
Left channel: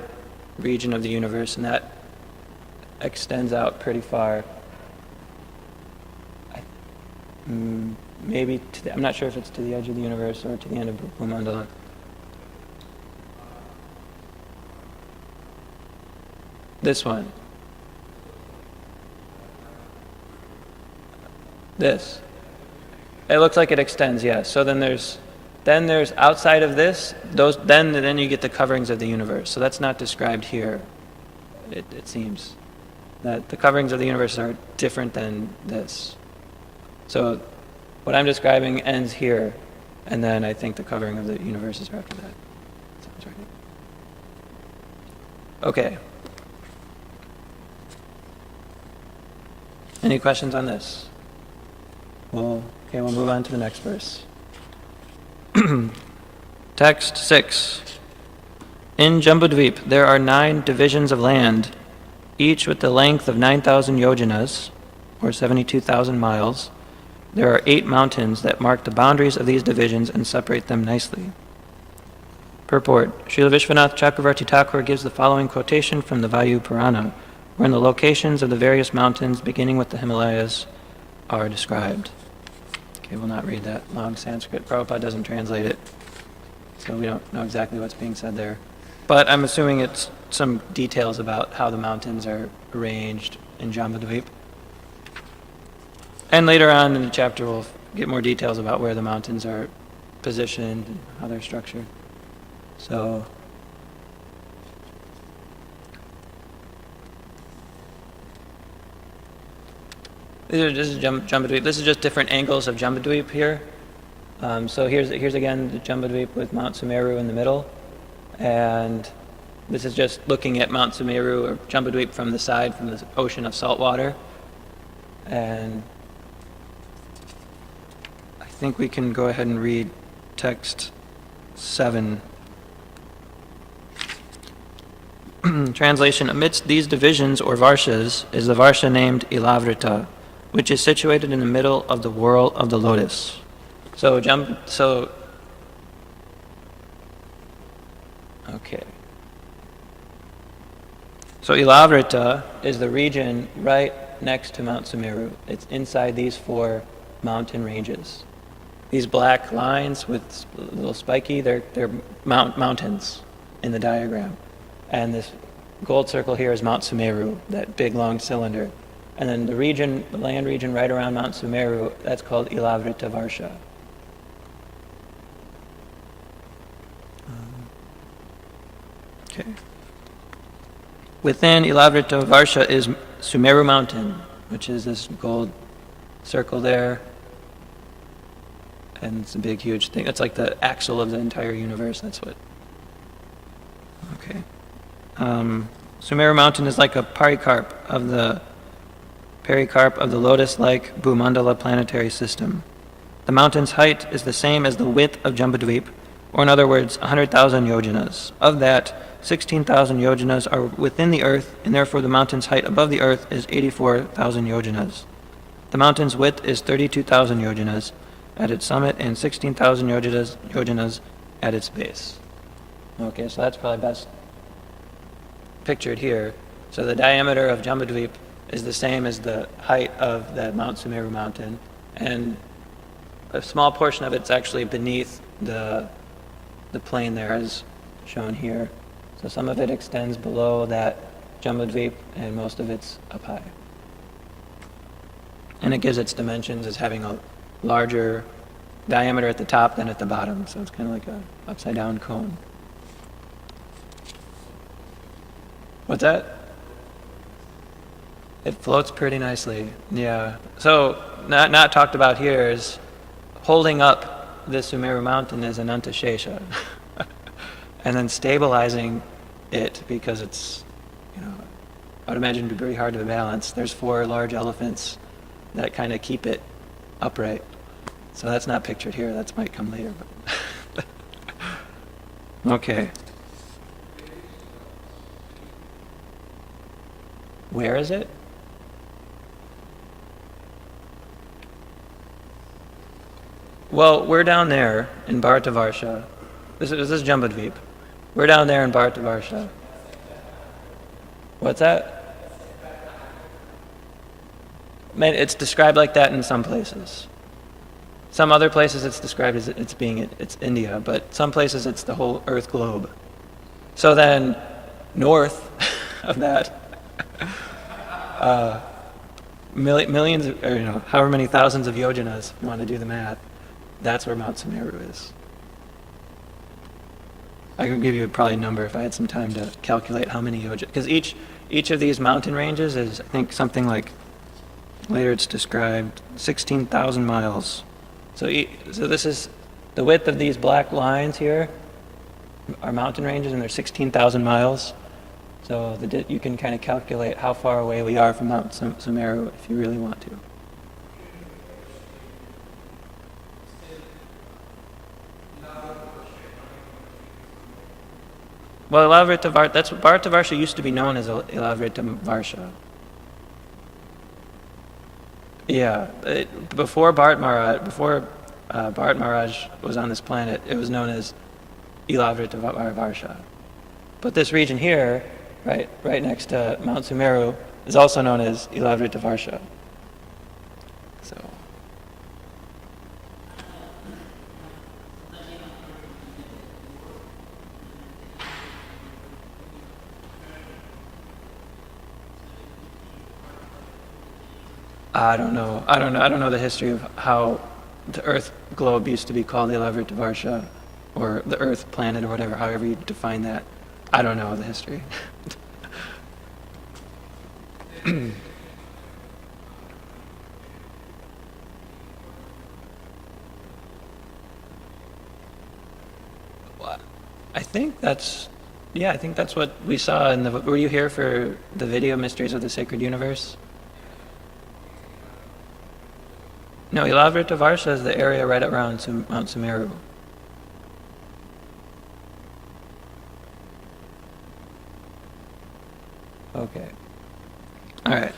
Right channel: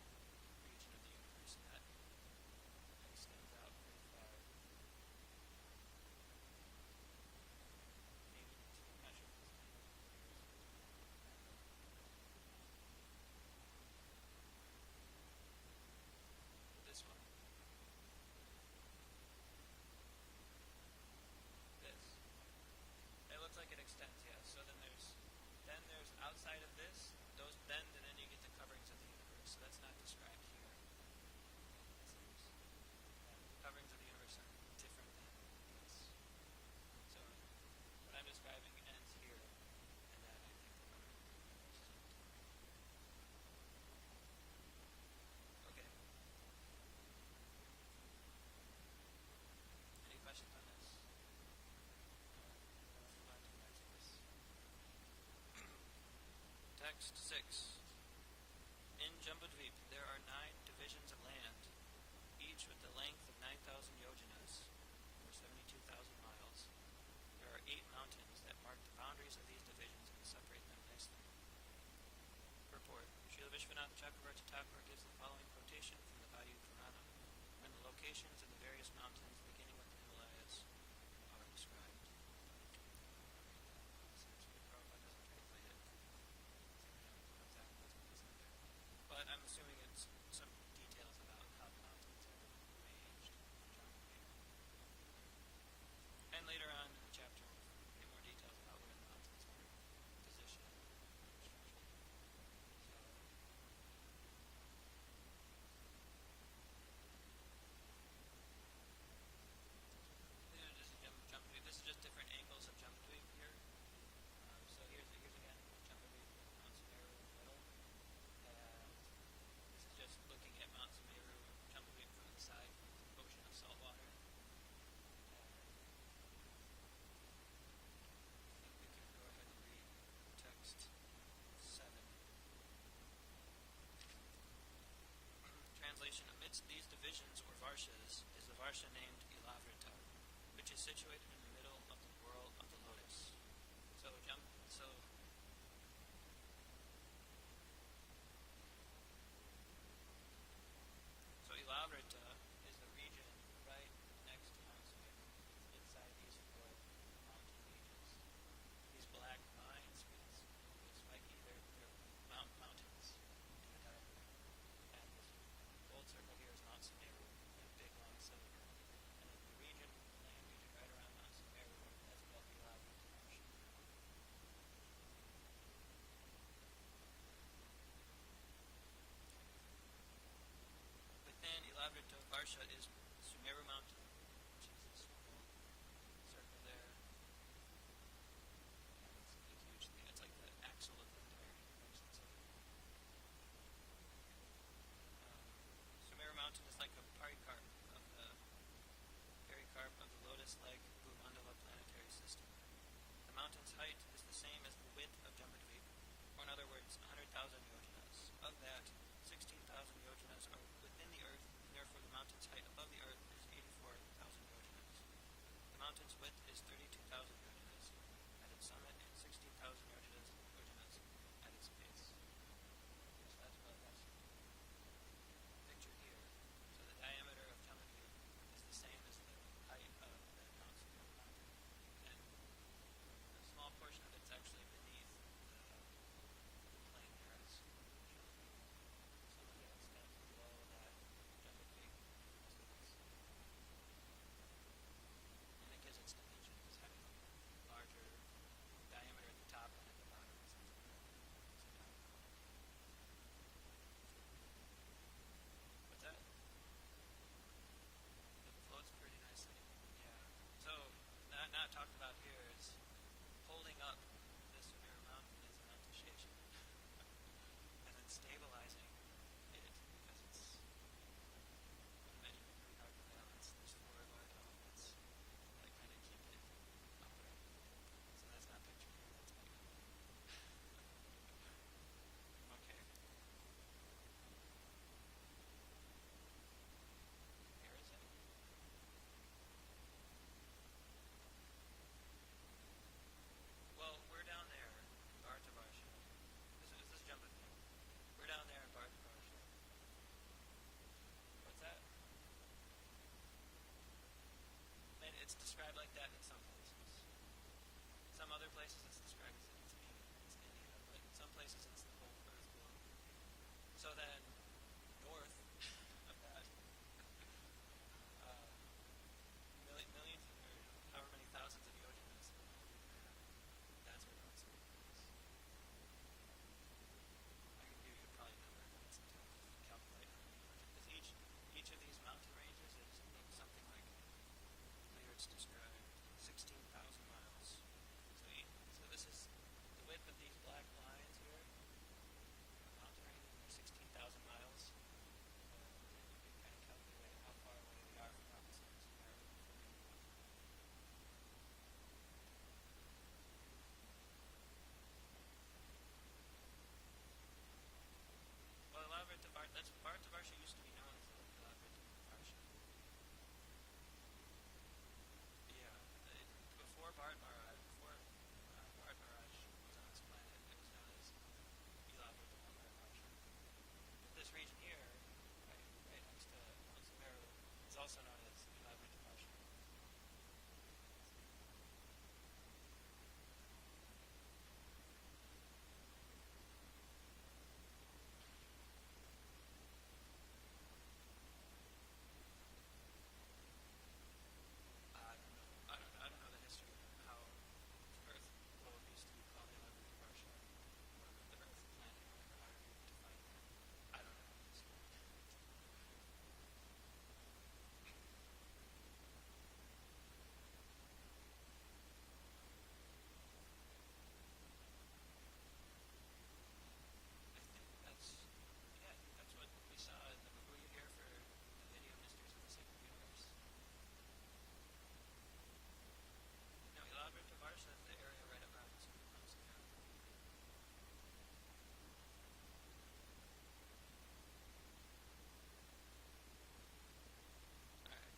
region of the universe, and that extends out pretty far. Maybe I'm not sure if it's to the edge of the universe or to the end of Bhumandala. This one. This. It looks like it extends, yes. So then there's outside of this, then you get the coverings of the universe. So that's not described here. It seems that the coverings of the universe are different than this. So what I'm describing ends here, and then I think the covering of the universe is after that. Sounds right. Okay. Any questions on this? We'll move on to the next verse. Text 6. In Jambudvip there are 9 divisions of land, each with the length of 9,000 yojanas, or 72,000 miles. There are 8 mountains that mark the boundaries of these divisions and separate them nicely. Purport. Srila Vishwanath Chakravarti Thakur gives the following quotation from the Vayu Purana, wherein the locations of the various mountains, beginning with the Himalayas, are described. Okay, we'll not read that long Sanskrit. Prabhupada doesn't translate it, so we don't know exactly what's being said there. But I'm assuming it's some details about how the mountains are arranged in Jambudvip. And later on in the chapter, we'll get more details about where the mountains are positioned and how they're structured. So, this is Jambudvip. This is just different angles of Jambudvip here. So here's again the Jambudvip with Mount Sumeru in the middle, and this is just looking at Mount Sumeru or Jambudvip from the side, from the ocean of salt water. And I think we can go ahead and read text 7. Translation: amidst these divisions or varshas is the varsha named Ilavrita, which is situated in the middle of the whorl of the lotus. Okay. So Ilavrita is the region right next to Mount Sumeru. It's inside these 4 mountain ranges. These black lines with a little spiky, they're mountains in the diagram. And this gold circle here is Mount Sumeru, that big long cylinder. And then the land region right around Mount Sumeru, that's called Ilavrita Varsha. Okay. Within Ilavrita Varsha is Sumeru Mountain, which is this gold circle there. And it's a big, huge thing. It's like the axle of the entire universe. That's what. Okay. Sumeru Mountain is like a pericarp of the lotus-like Bhumandala planetary system. The mountain's height is the same as the width of Jambudvip, or in other words, 100,000 yojanas. Of that, 16,000 yojanas are within the earth, and therefore the mountain's height above the earth is 84,000 yojanas. The mountain's width is 32,000 yojanas at its summit and 16,000 yojanas at its base. Okay, so that's probably best pictured here. So the diameter of Jambudvip is the same as the height of the Mount Sumeru mountain, and a small portion of it's actually beneath the plain there, as shown here. So some of it extends below that Jambudvip, and most of it's up high. And it gives its dimensions as having a larger diameter at the top than at the bottom, so it's kind of like a upside down cone. What's that? It floats pretty nicely, yeah. So not talked about here is holding up the Sumeru mountain is Ananta Shesha, and then stabilizing it, because it's, I would imagine it'd be very hard to balance. There's 4 large elephants that kind of keep it upright. So that's not pictured here. That might come later. But okay. Where is it? Well, we're down there in Bharatavarsha. This is Jambudvip. We're down there in Bharatavarsha. What's that? Man, it's described like that in some places. Some other places it's described as it's India, but some places it's the whole Earth globe. So then, north of that, millions, or however many thousands of yojanas, if you want to do the math, that's where Mount Sumeru is. I could give you probably a number if I had some time to calculate how many yojanas, because each of these mountain ranges is, I think, something like, later it's described, 16,000 miles. So this is the width of these black lines here are mountain ranges, and they're 16,000 miles. So you can kind of calculate how far away we are from Mount Sumeru if you really want to. Well, Bharatavarsha used to be known as Ilavrita. Yeah, before Bharat Maharaj was on this planet, it was known as Ilavrita. But this region here, right next to Mount Sumeru, is also known as Ilavrita. So. I don't know the history of how the Earth globe used to be called the Ilavrita, or the Earth planet, or whatever, however you define that. I don't know the history. I think that's what we saw in the. Were you here for the video Mysteries of the Sacred Universe? No, Ilavrita is the area right around Mount Sumeru. Okay. All right.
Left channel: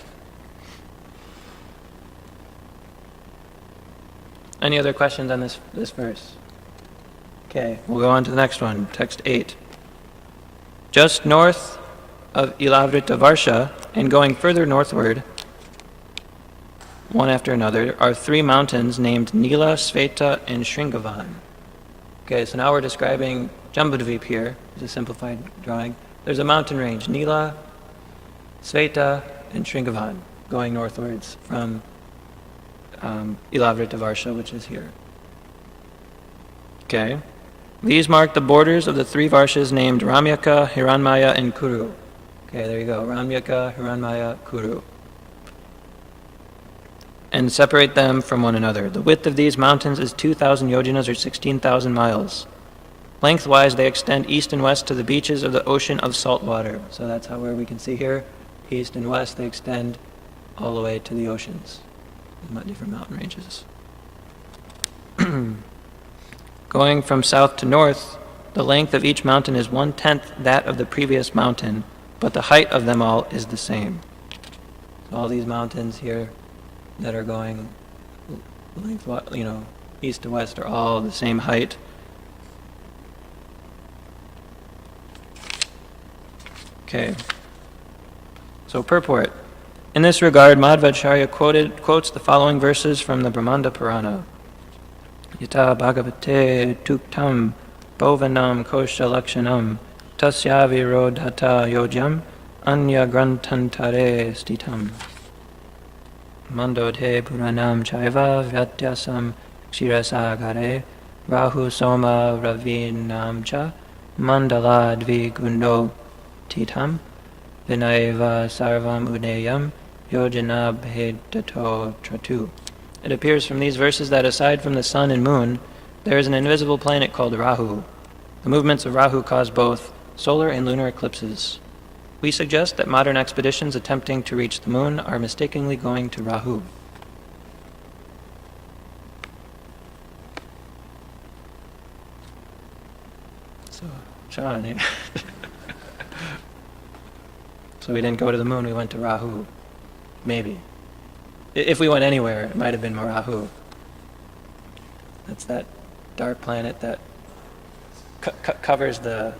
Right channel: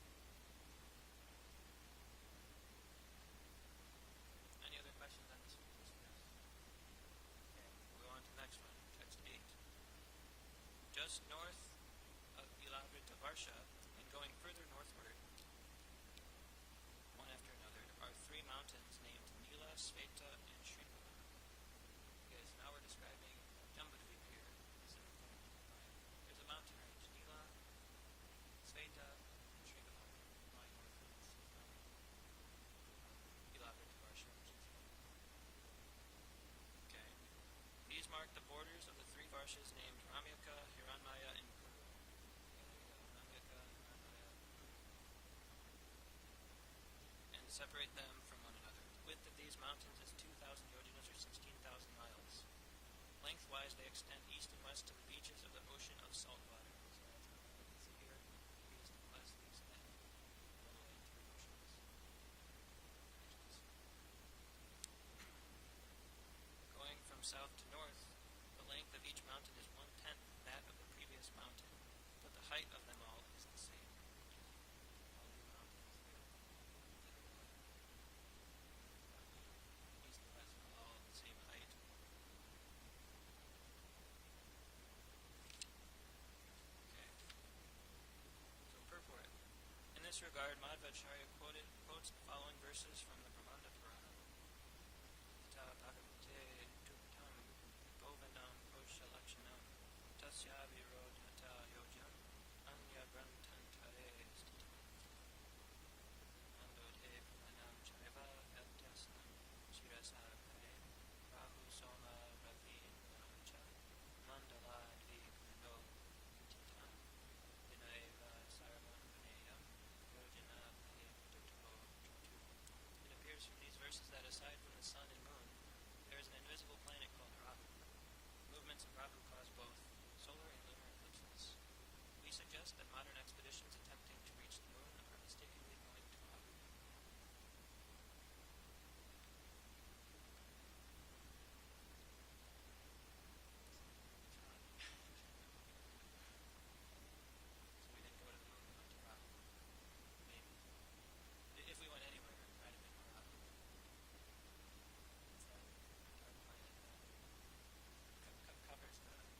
Any other questions on this verse? Okay, we'll go on to the next one, text 8. Just north of Ilavrita and going further northward, one after another, are three mountains named Nila, Sveta, and Shringavan. Okay, so now we're describing Jambudvip here. It's a simplified drawing. There's a mountain range, Nila, Sveta, and Shringavan, going northwards from Ilavrita, which is here. Okay. These mark the borders of the three Varshas named Ramyaka, Hiranmaya, and Kuru. Okay, there you go. Ramyaka, Hiranmaya, Kuru. And separate them from one another. The width of these mountains is 2,000 yojanas, or 16,000 miles. Lengthwise, they extend east and west to the beaches of the ocean of salt water. So that's where we can see here, east and west, they extend all the way to the oceans, different mountain ranges. Going from south to north, the length of each mountain is 1/10 that of the previous mountain, but the height of them all is the same. So all these mountains here that are going east to west are all the same height. Okay. So purport. In this regard, Madhvacharya quotes the following verses from the Brahmanda Purana. Yata Bhagavate tuktam bhovanam kosha lakshanam tasya virodhata yojam anya grantantare stitam. Mandodhe Puranam Chaiva Vyatyasam Kshirasagare Rahu Soma Ravinam Cha Mandala Dvigundo Titam Vinaiva Sarvam Udeyam Yojana Bhedato Tratu. It appears from these verses that aside from the sun and moon, there is an invisible planet called Rahu. The movements of Rahu cause both solar and lunar eclipses. We suggest that modern expeditions attempting to reach the moon are mistakenly going to Rahu. So, Sean, So we didn't go to the moon, we went to Rahu. Maybe. If we went anywhere, it might have been Rahu. That's that dark planet that covers the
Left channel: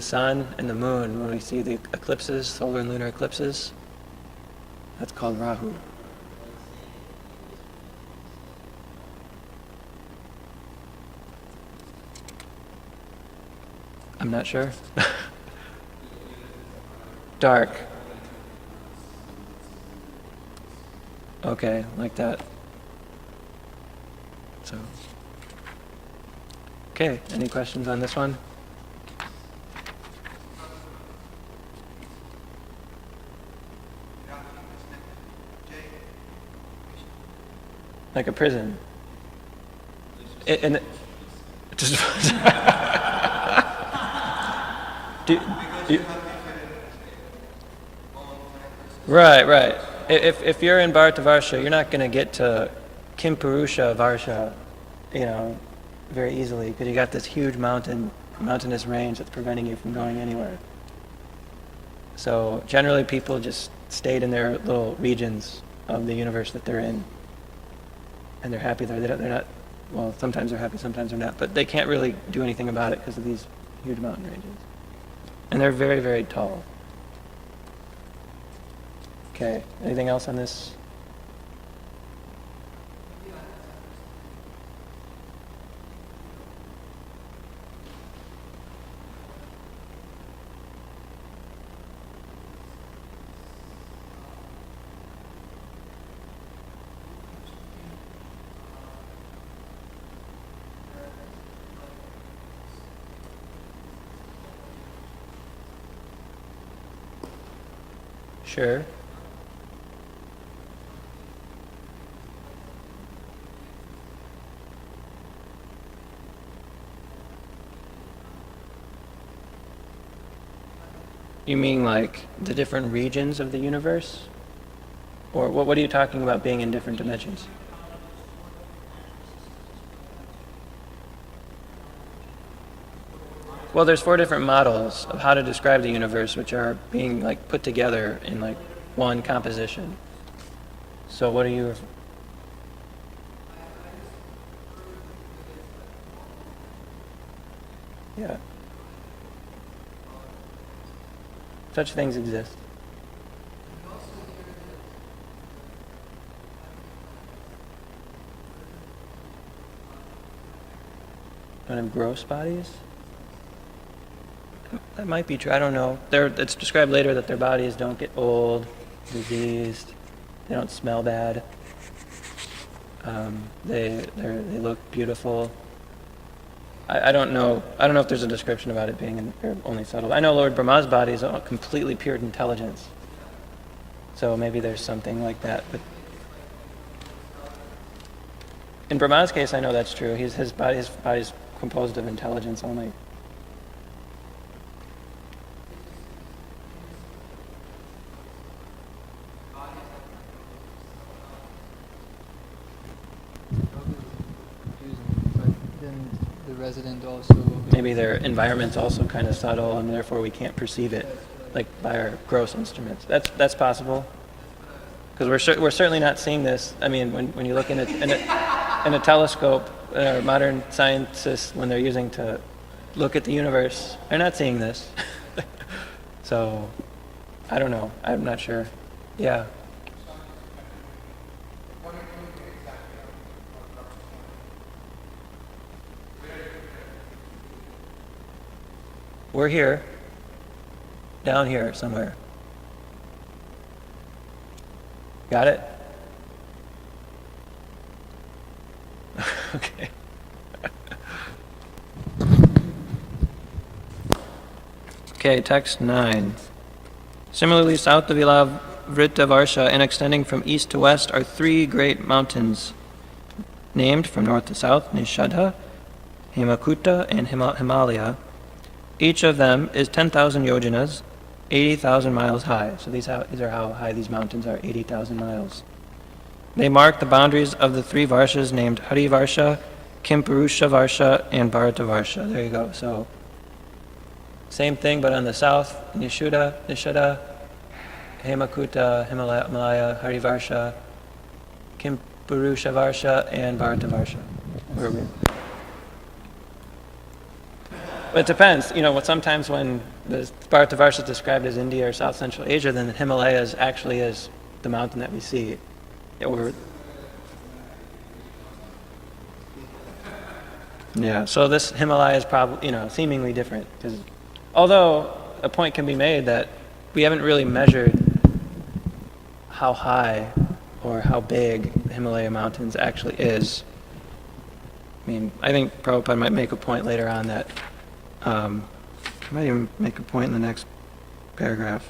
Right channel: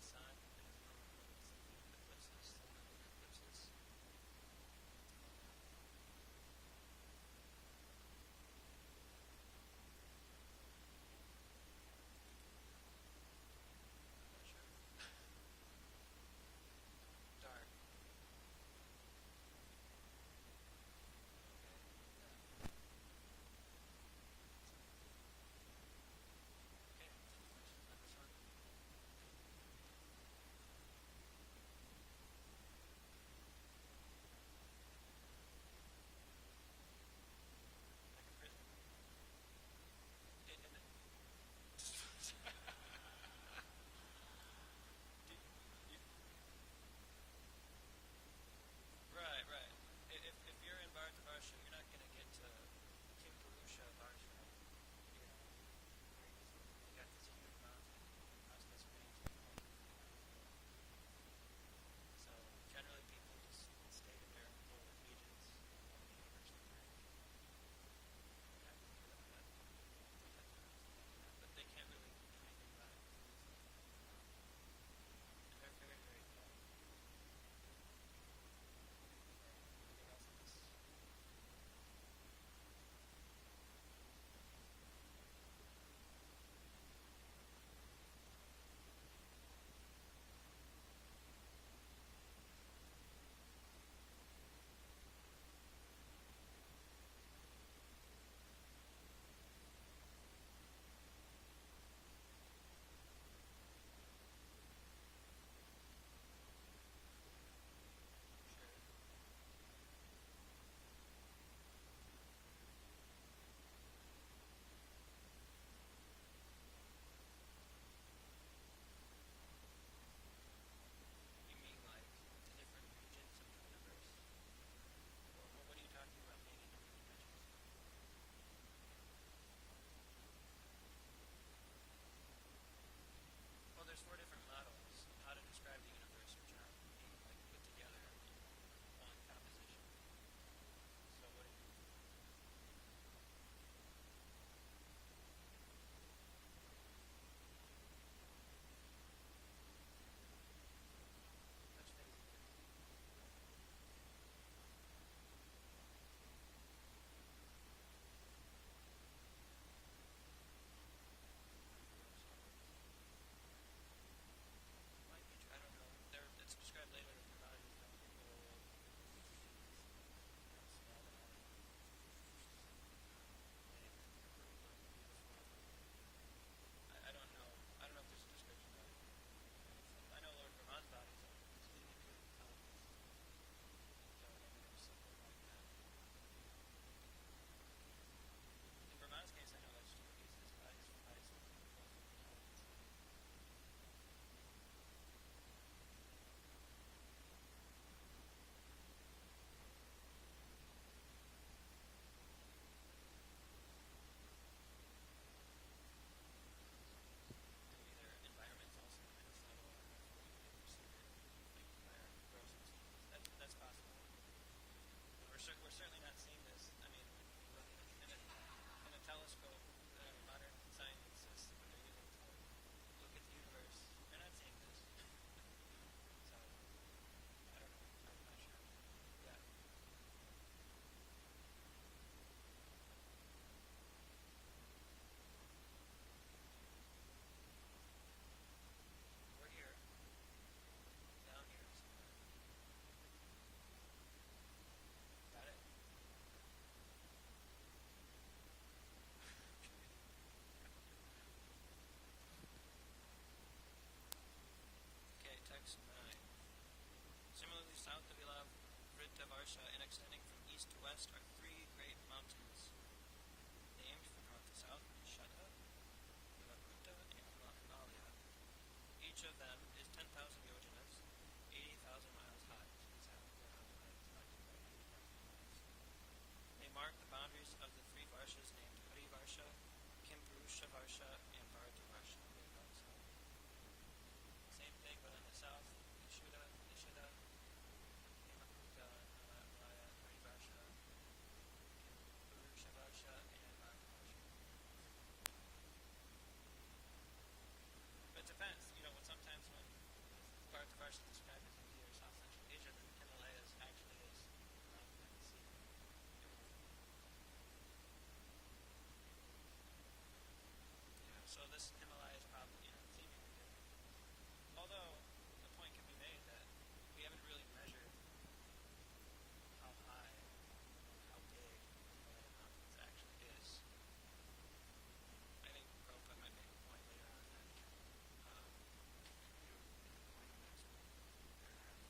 sun and the moon when we see the eclipses, solar and lunar eclipses. That's called Rahu. I'm not sure. Dark. Okay, like that. So, okay, any questions on this one? Like a prison. And just right. If you're in Bharata Varsha, you're not going to get to Kimpurusha Varsha, very easily, because you got this huge mountainous range that's preventing you from going anywhere. So generally people just stayed in their little regions of the universe that they're in. And they're happy there. They're not, well, sometimes they're happy, sometimes they're not. But they can't really do anything about it because of these huge mountain ranges. And they're very, very tall. Okay, anything else on this? Sure. You mean like the different regions of the universe? Or what are you talking about being in different dimensions? Well, there's 4 different models of how to describe the universe, which are being like put together in like one composition. So what are you? Yeah. Such things exist. Kind of gross bodies? That might be true. I don't know. It's described later that their bodies don't get old, diseased. They don't smell bad. They look beautiful. I don't know. I don't know if there's a description about it being only subtle. I know Lord Brahma's body is a completely pure intelligence. So maybe there's something like that. But in Brahma's case, I know that's true. His body's composed of intelligence only. Resident also. Maybe their environment's also kind of subtle, and therefore we can't perceive it, like by our gross instruments. That's possible, because we're certainly not seeing this. I mean, when you look in a telescope, modern scientists, when they're using to look at the universe, they're not seeing this. So, I don't know. I'm not sure. Yeah. We're here, down here somewhere. Got it? Okay. Okay, text 9. Similarly, south of Ilavrita and extending from east to west are 3 great mountains, named from north to south, Nishadha, Himakuta, and Himalaya. Each of them is 10,000 yojanas, 80,000 miles high. So these are how high these mountains are, 80,000 miles. They mark the boundaries of the 3 varshas named Hari Varsha, Kimpurusha Varsha, and Bharata Varsha. There you go. So same thing, but on the south, Nishada, Hemakuta, Himalaya, Harivarsha, Kimpurusha-varsha, and Bharatavarsha. Where are we? But it depends. Sometimes when the Bharatavarsha is described as India or South Central Asia, then the Himalayas actually is the mountain that we see. So this Himalaya is probably, seemingly different. Although a point can be made that we haven't really measured how high or how big the Himalaya mountains actually is. I think Prabhupada might make a point later on that, might even make a point in the next paragraph.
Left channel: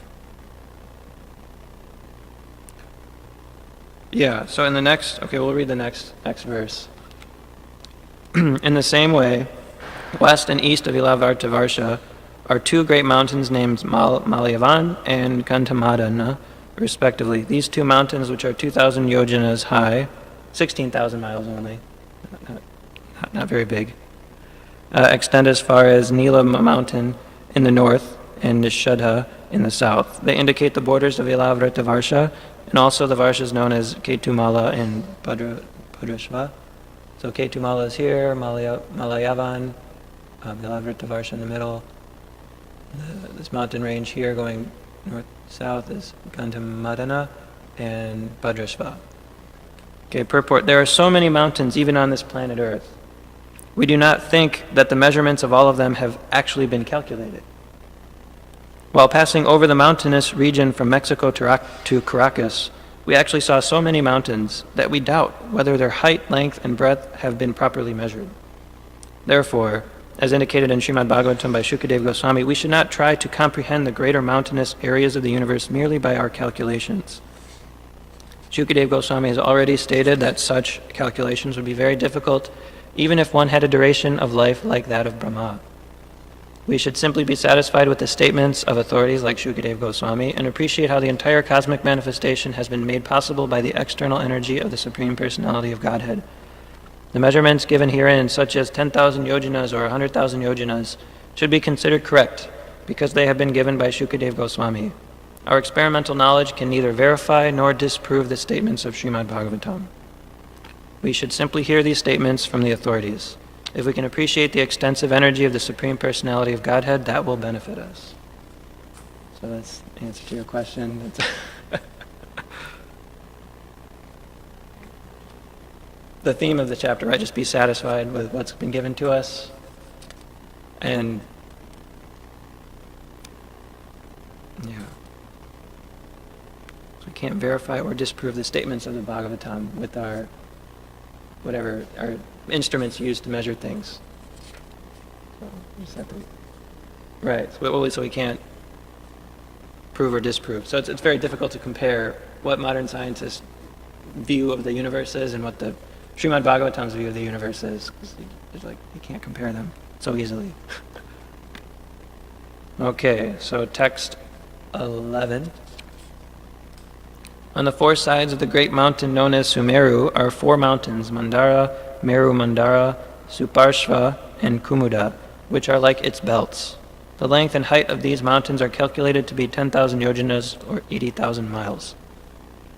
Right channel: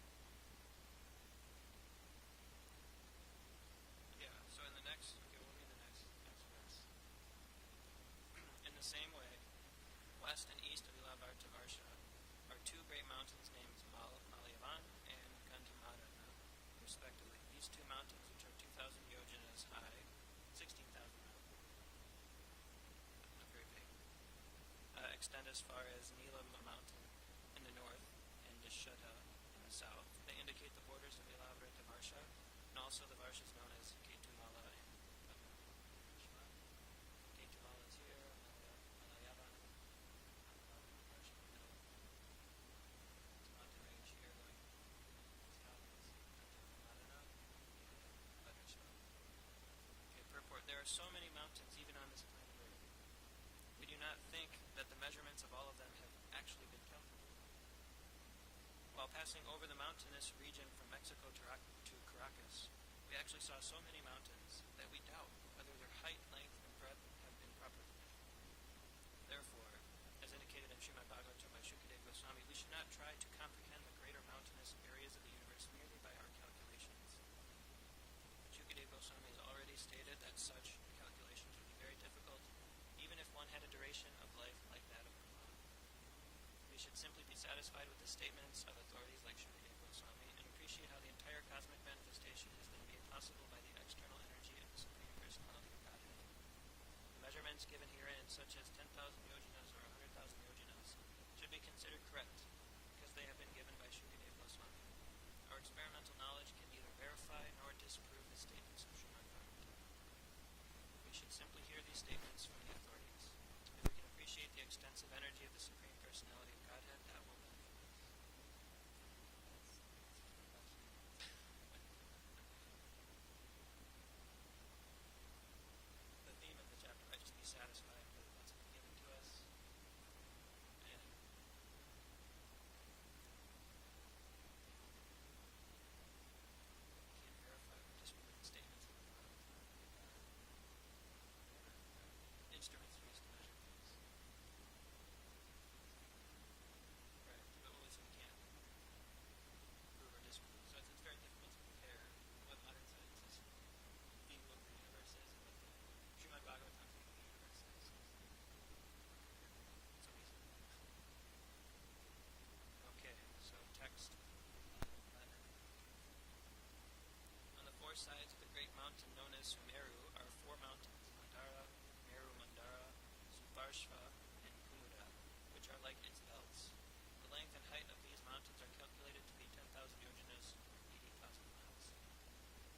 Yeah, so in the next, we'll read the next verse. In the same way, west and east of Ilavartavarsha are two great mountains named Malayavan and Kantamadana, respectively. These two mountains, which are 2,000 yojanas high, 16,000 miles only, not very big, extend as far as Nila Mountain in the north and Nishadha in the south. They indicate the borders of Ilavrata-varsha and also the varshas known as Ketumala and Bhadrashva. So Ketumala is here, Malayavan, Ilavrata-varsha in the middle. This mountain range here going north-south is Gandhamadana and Bhadrashva. Purport. There are so many mountains even on this planet Earth. We do not think that the measurements of all of them have actually been calculated. While passing over the mountainous region from Mexico to Caracas, we actually saw so many mountains that we doubt whether their height, length, and breadth have been properly measured. Therefore, as indicated in Srimad Bhagavatam by Shukadeva Goswami, we should not try to comprehend the greater mountainous areas of the universe merely by our calculations. Shukadeva Goswami has already stated that such calculations would be very difficult even if one had a duration of life like that of Brahma. We should simply be satisfied with the statements of authorities like Shukadeva Goswami and appreciate how the entire cosmic manifestation has been made possible by the external energy of the Supreme Personality of Godhead. The measurements given herein, such as 10,000 yojanas or 100,000 yojanas, should be considered correct because they have been given by Shukadeva Goswami. Our experimental knowledge can neither verify nor disprove the statements of Srimad Bhagavatam. We should simply hear these statements from the authorities. If we can appreciate the extensive energy of the Supreme Personality of Godhead, that will benefit us. So that's the answer to your question. The theme of the chapter, right? Just be satisfied with what's been given to us. And, yeah. So we can't verify or disprove the statements of the Bhagavatam with our instruments used to measure things. So we just have to, right, so we can't prove or disprove. So it's very difficult to compare what modern scientists' view of the universe is and what the Srimad Bhagavatam's view of the universe is. Because you can't compare them so easily. Okay, so text 11. On the four sides of the great mountain known as Sumeru are four mountains, Mandara, Meru Mandara, Suparshva, and Kumuda, which are like its belts. The length and height of these mountains are calculated to be 10,000 yojanas or 80,000 miles.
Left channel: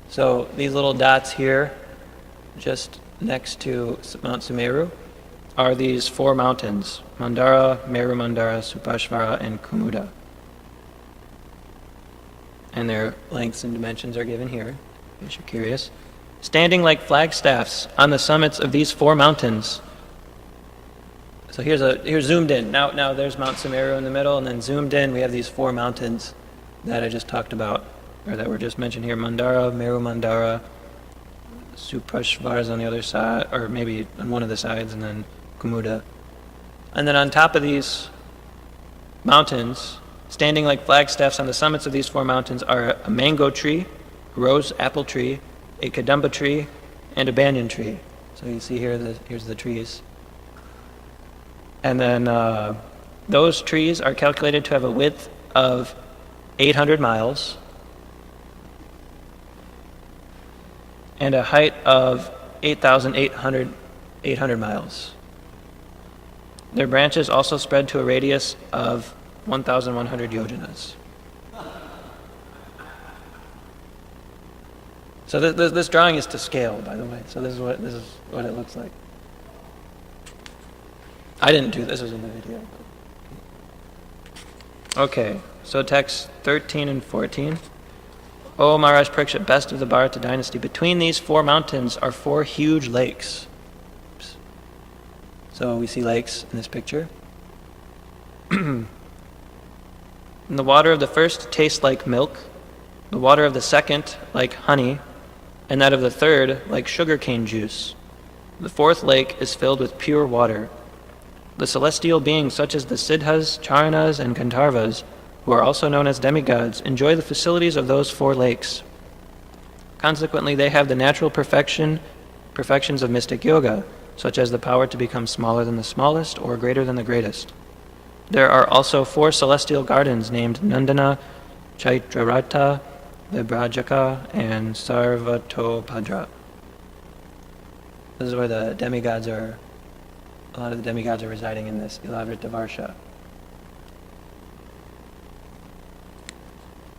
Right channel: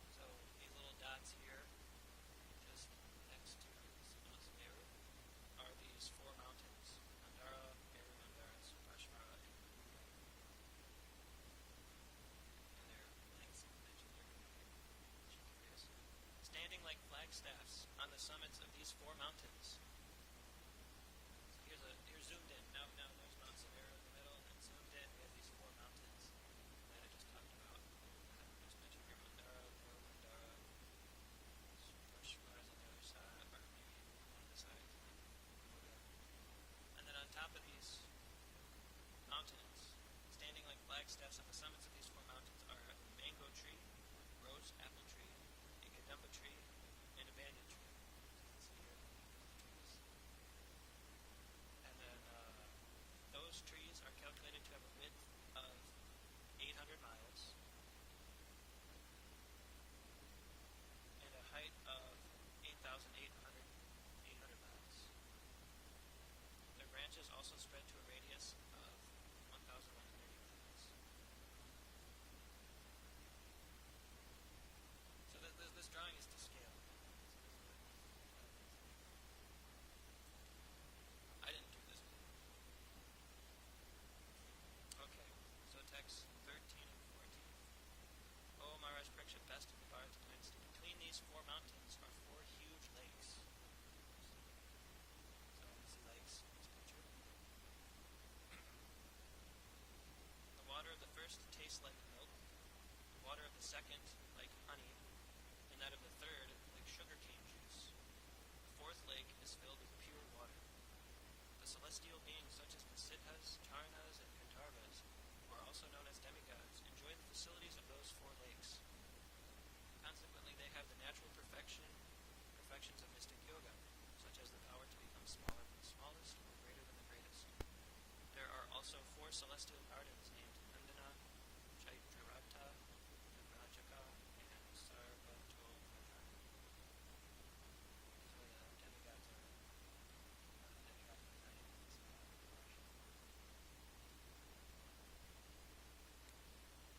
So these little dots here, just next to Mount Sumeru, are these four mountains, Mandara, Meru Mandara, Suparshvara, and Kumuda. And their lengths and dimensions are given here, in case you're curious. Standing like flagstaffs on the summits of these four mountains. So here's zoomed in. Now there's Mount Sumeru in the middle, and then zoomed in we have these four mountains that I just talked about, or that were just mentioned here. Mandara, Meru Mandara, Suparshvara is on the other side, or maybe on one of the sides, and then Kumuda. And then on top of these mountains, standing like flagstaffs on the summits of these four mountains are a mango tree, a rose apple tree, a kadamba tree, and a banyan tree. So you see here's the trees. And then those trees are calculated to have a width of 800 miles and a height of 8,800 miles. Their branches also spread to a radius of 1,100 yojanas. So this drawing is to scale, by the way. So this is what it looks like. I didn't do this. Was in the video. Okay, so text 13 and 14. O Maharaj Parikshit, best of the Bharata dynasty, between these 4 mountains are 4 huge lakes. Oops. So we see lakes in this picture. And the water of the first tastes like milk, the water of the second like honey, and that of the third like sugarcane juice. The 4th lake is filled with pure water. The celestial beings such as the Siddhas, Charanas, and Gandharvas, who are also known as demigods, enjoy the facilities of those 4 lakes. Consequently, they have the natural perfections of mystic yoga, such as the power to become smaller than the smallest or greater than the greatest. There are also 4 celestial gardens named Nandana, Chaitraratha, Vibrajaka, and Sarvatopadra. This is where the demigods are. A lot of the demigods are residing in this Ilavrita Varsha.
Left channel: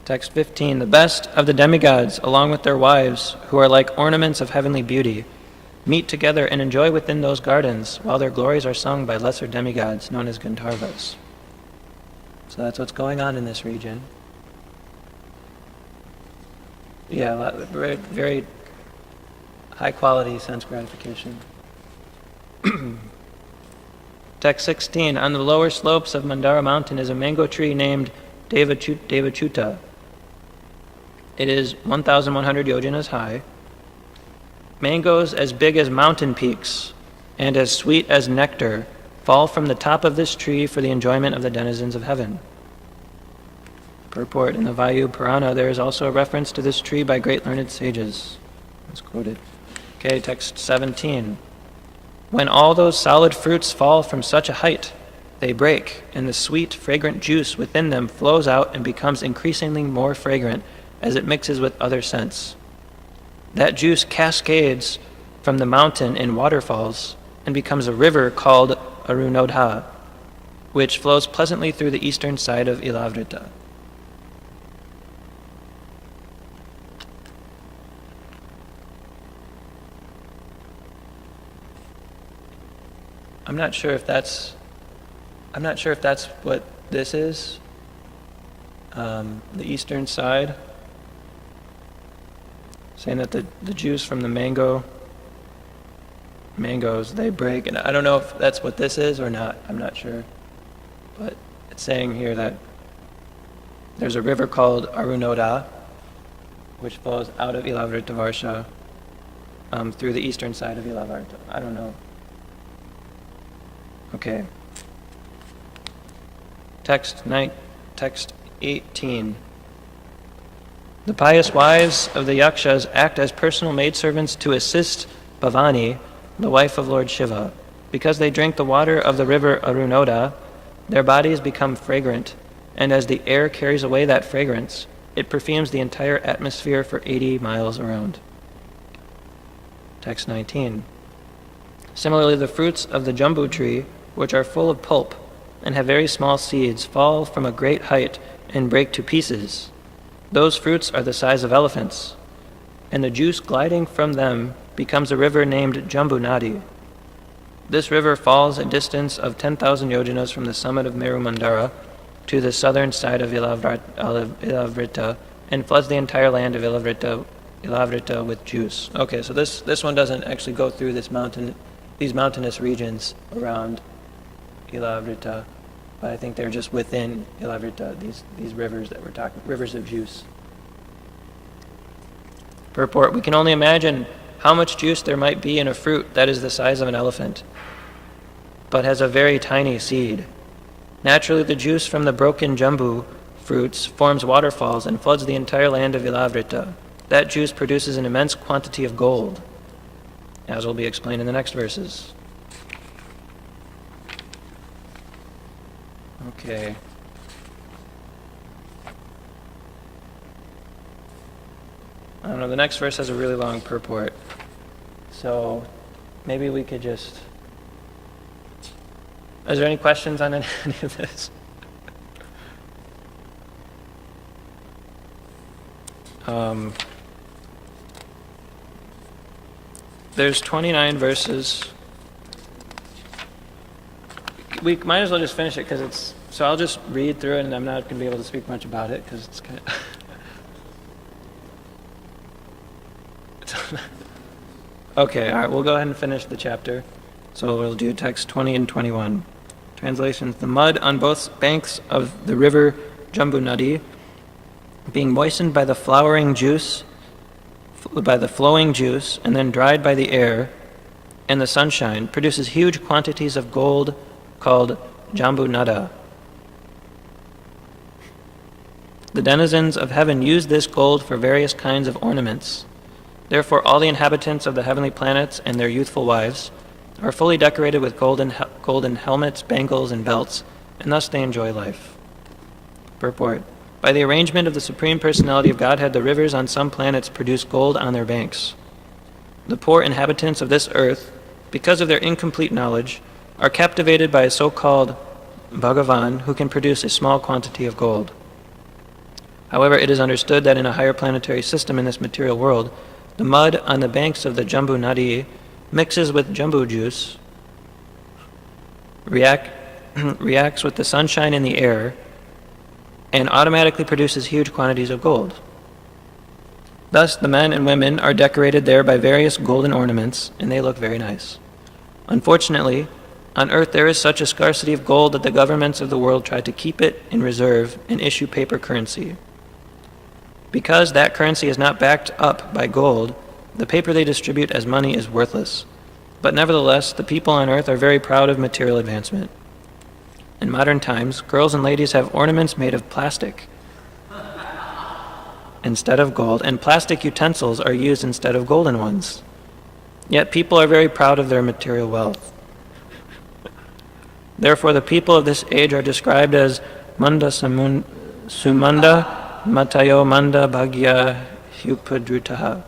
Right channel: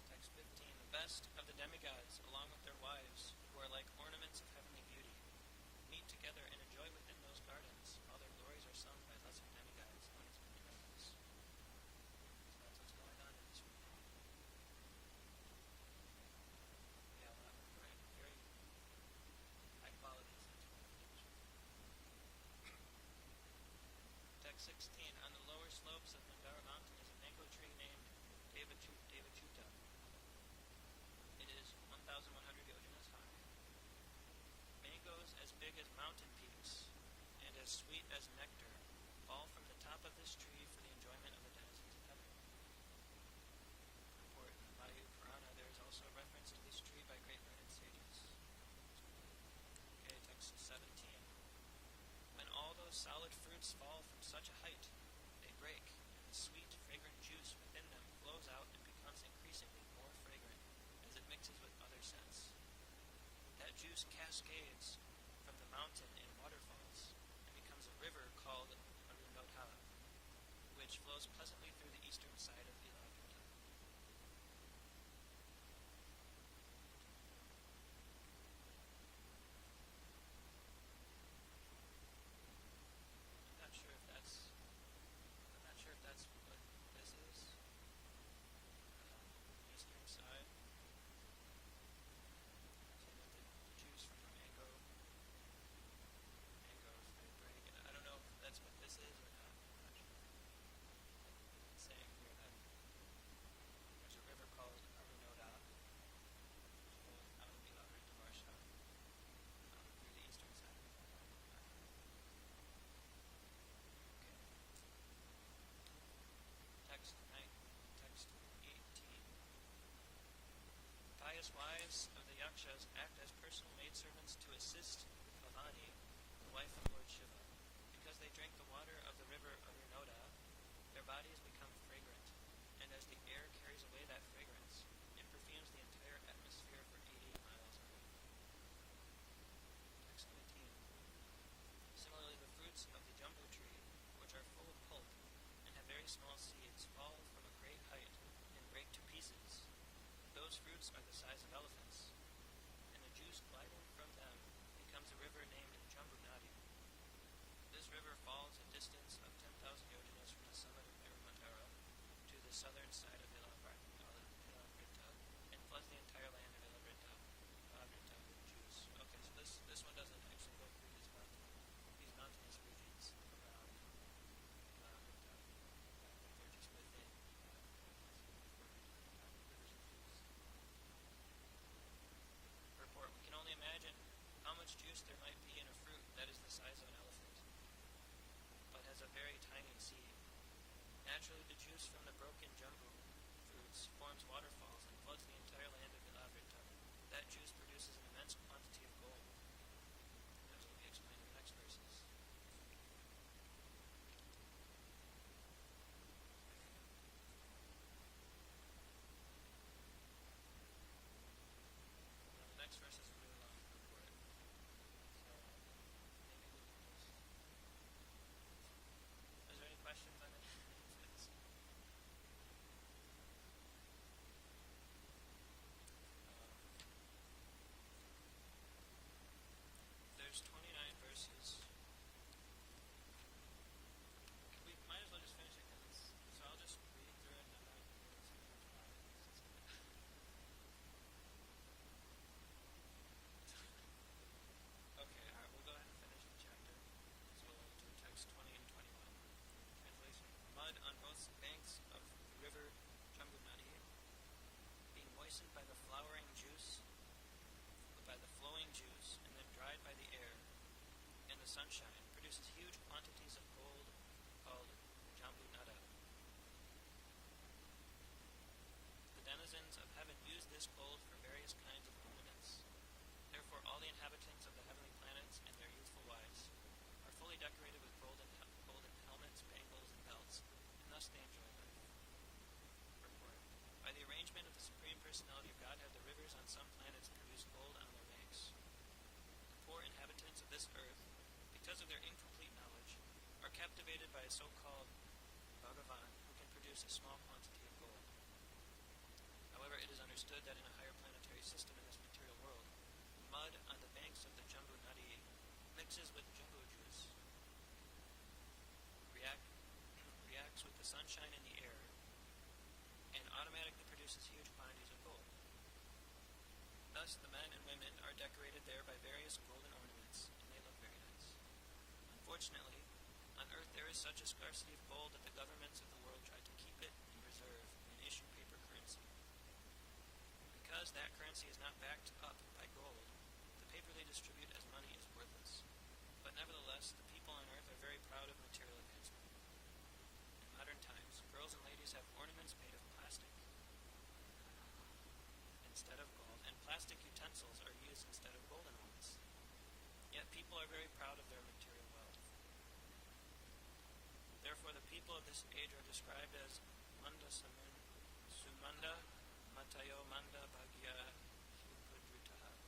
Text 15. The best of the demigods, along with their wives, who are like ornaments of heavenly beauty, meet together and enjoy within those gardens, while their glories are sung by lesser demigods known as Gandharvas. So that's what's going on in this region. Yeah, very, very high quality sense gratification. Text 16. On the lower slopes of Mandara mountain is a mango tree named Devachuta. It is 1,100 yojanas high. Mangoes as big as mountain peaks and as sweet as nectar fall from the top of this tree for the enjoyment of the denizens of heaven. Purport: in the Vayu Purana, there is also a reference to this tree by great learned sages. It's quoted. Okay, text 17. When all those solid fruits fall from such a height, they break, and the sweet, fragrant juice within them flows out and becomes increasingly more fragrant as it mixes with other scents. That juice cascades from the mountain in waterfalls and becomes a river called Arunodha, which flows pleasantly through the eastern side of Ilavrita. I'm not sure if that's what this is. The eastern side, saying that the juice from the mangoes, they break, and I don't know if that's what this is or not. I'm not sure, but it's saying here that there's a river called Arunodha, which flows out of Ilavrita Varsha through the eastern side of Ilavrita. I don't know. Okay. Text 18. The pious wives of the yakshas act as personal maidservants to assist Bhavani, the wife of Lord Shiva. Because they drink the water of the river Arunodha, their bodies become fragrant, and as the air carries away that fragrance, it perfumes the entire atmosphere for 80 miles around. Text 19. Similarly, the fruits of the jambu tree, which are full of pulp and have very small seeds, fall from a great height and break to pieces. Those fruits are the size of elephants, and the juice gliding from them becomes a river named Jambu Nadi. This river falls a distance of 10,000 yojanas from the summit of Meru Mandara to the southern side of Ilavrita and floods the entire land of Ilavrita with juice. Okay, so this one doesn't actually go through these mountainous regions around Ilavrita, but I think they're just within Ilavrita, these rivers that we're talking, rivers of juice. Purport: we can only imagine how much juice there might be in a fruit that is the size of an elephant, but has a very tiny seed. Naturally, the juice from the broken jambu fruits forms waterfalls and floods the entire land of Ilavrita. That juice produces an immense quantity of gold, as will be explained in the next verses. Okay. I don't know, the next verse has a really long purport. So maybe we could just... Is there any questions on any of this? There's 29 verses. We might as well just finish it because it's. So I'll just read through it, and I'm not going to be able to speak much about it because it's kind of. Okay, all right, we'll go ahead and finish the chapter. So we'll do text 20 and 21. Translations: the mud on both banks of the river Jambu Nadi, being moistened by the flowing juice, and then dried by the air and the sunshine, produces huge quantities of gold called Jambu Nada. The denizens of heaven use this gold for various kinds of ornaments. Therefore, all the inhabitants of the heavenly planets and their youthful wives are fully decorated with golden helmets, bangles, and belts, and thus they enjoy life. Purport: by the arrangement of the Supreme Personality of Godhead, the rivers on some planets produce gold on their banks. The poor inhabitants of this earth, because of their incomplete knowledge, are captivated by a so-called Bhagavan who can produce a small quantity of gold. However, it is understood that in a higher planetary system in this material world, the mud on the banks of the Jambu Nadi mixes with jambu juice, reacts with the sunshine in the air, and automatically produces huge quantities of gold. Thus, the men and women are decorated there by various golden ornaments, and they look very nice. Unfortunately, on earth there is such a scarcity of gold that the governments of the world try to keep it in reserve and issue paper currency. Because that currency is not backed up by gold, the paper they distribute as money is worthless. But nevertheless, the people on earth are very proud of material advancement. In modern times, girls and ladies have ornaments made of plastic instead of gold, and plastic utensils are used instead of golden ones. Yet people are very proud of their material wealth. Therefore, the people of this age are described as Manda Sumanda Matayo Manda Bhagya Upadrutaha.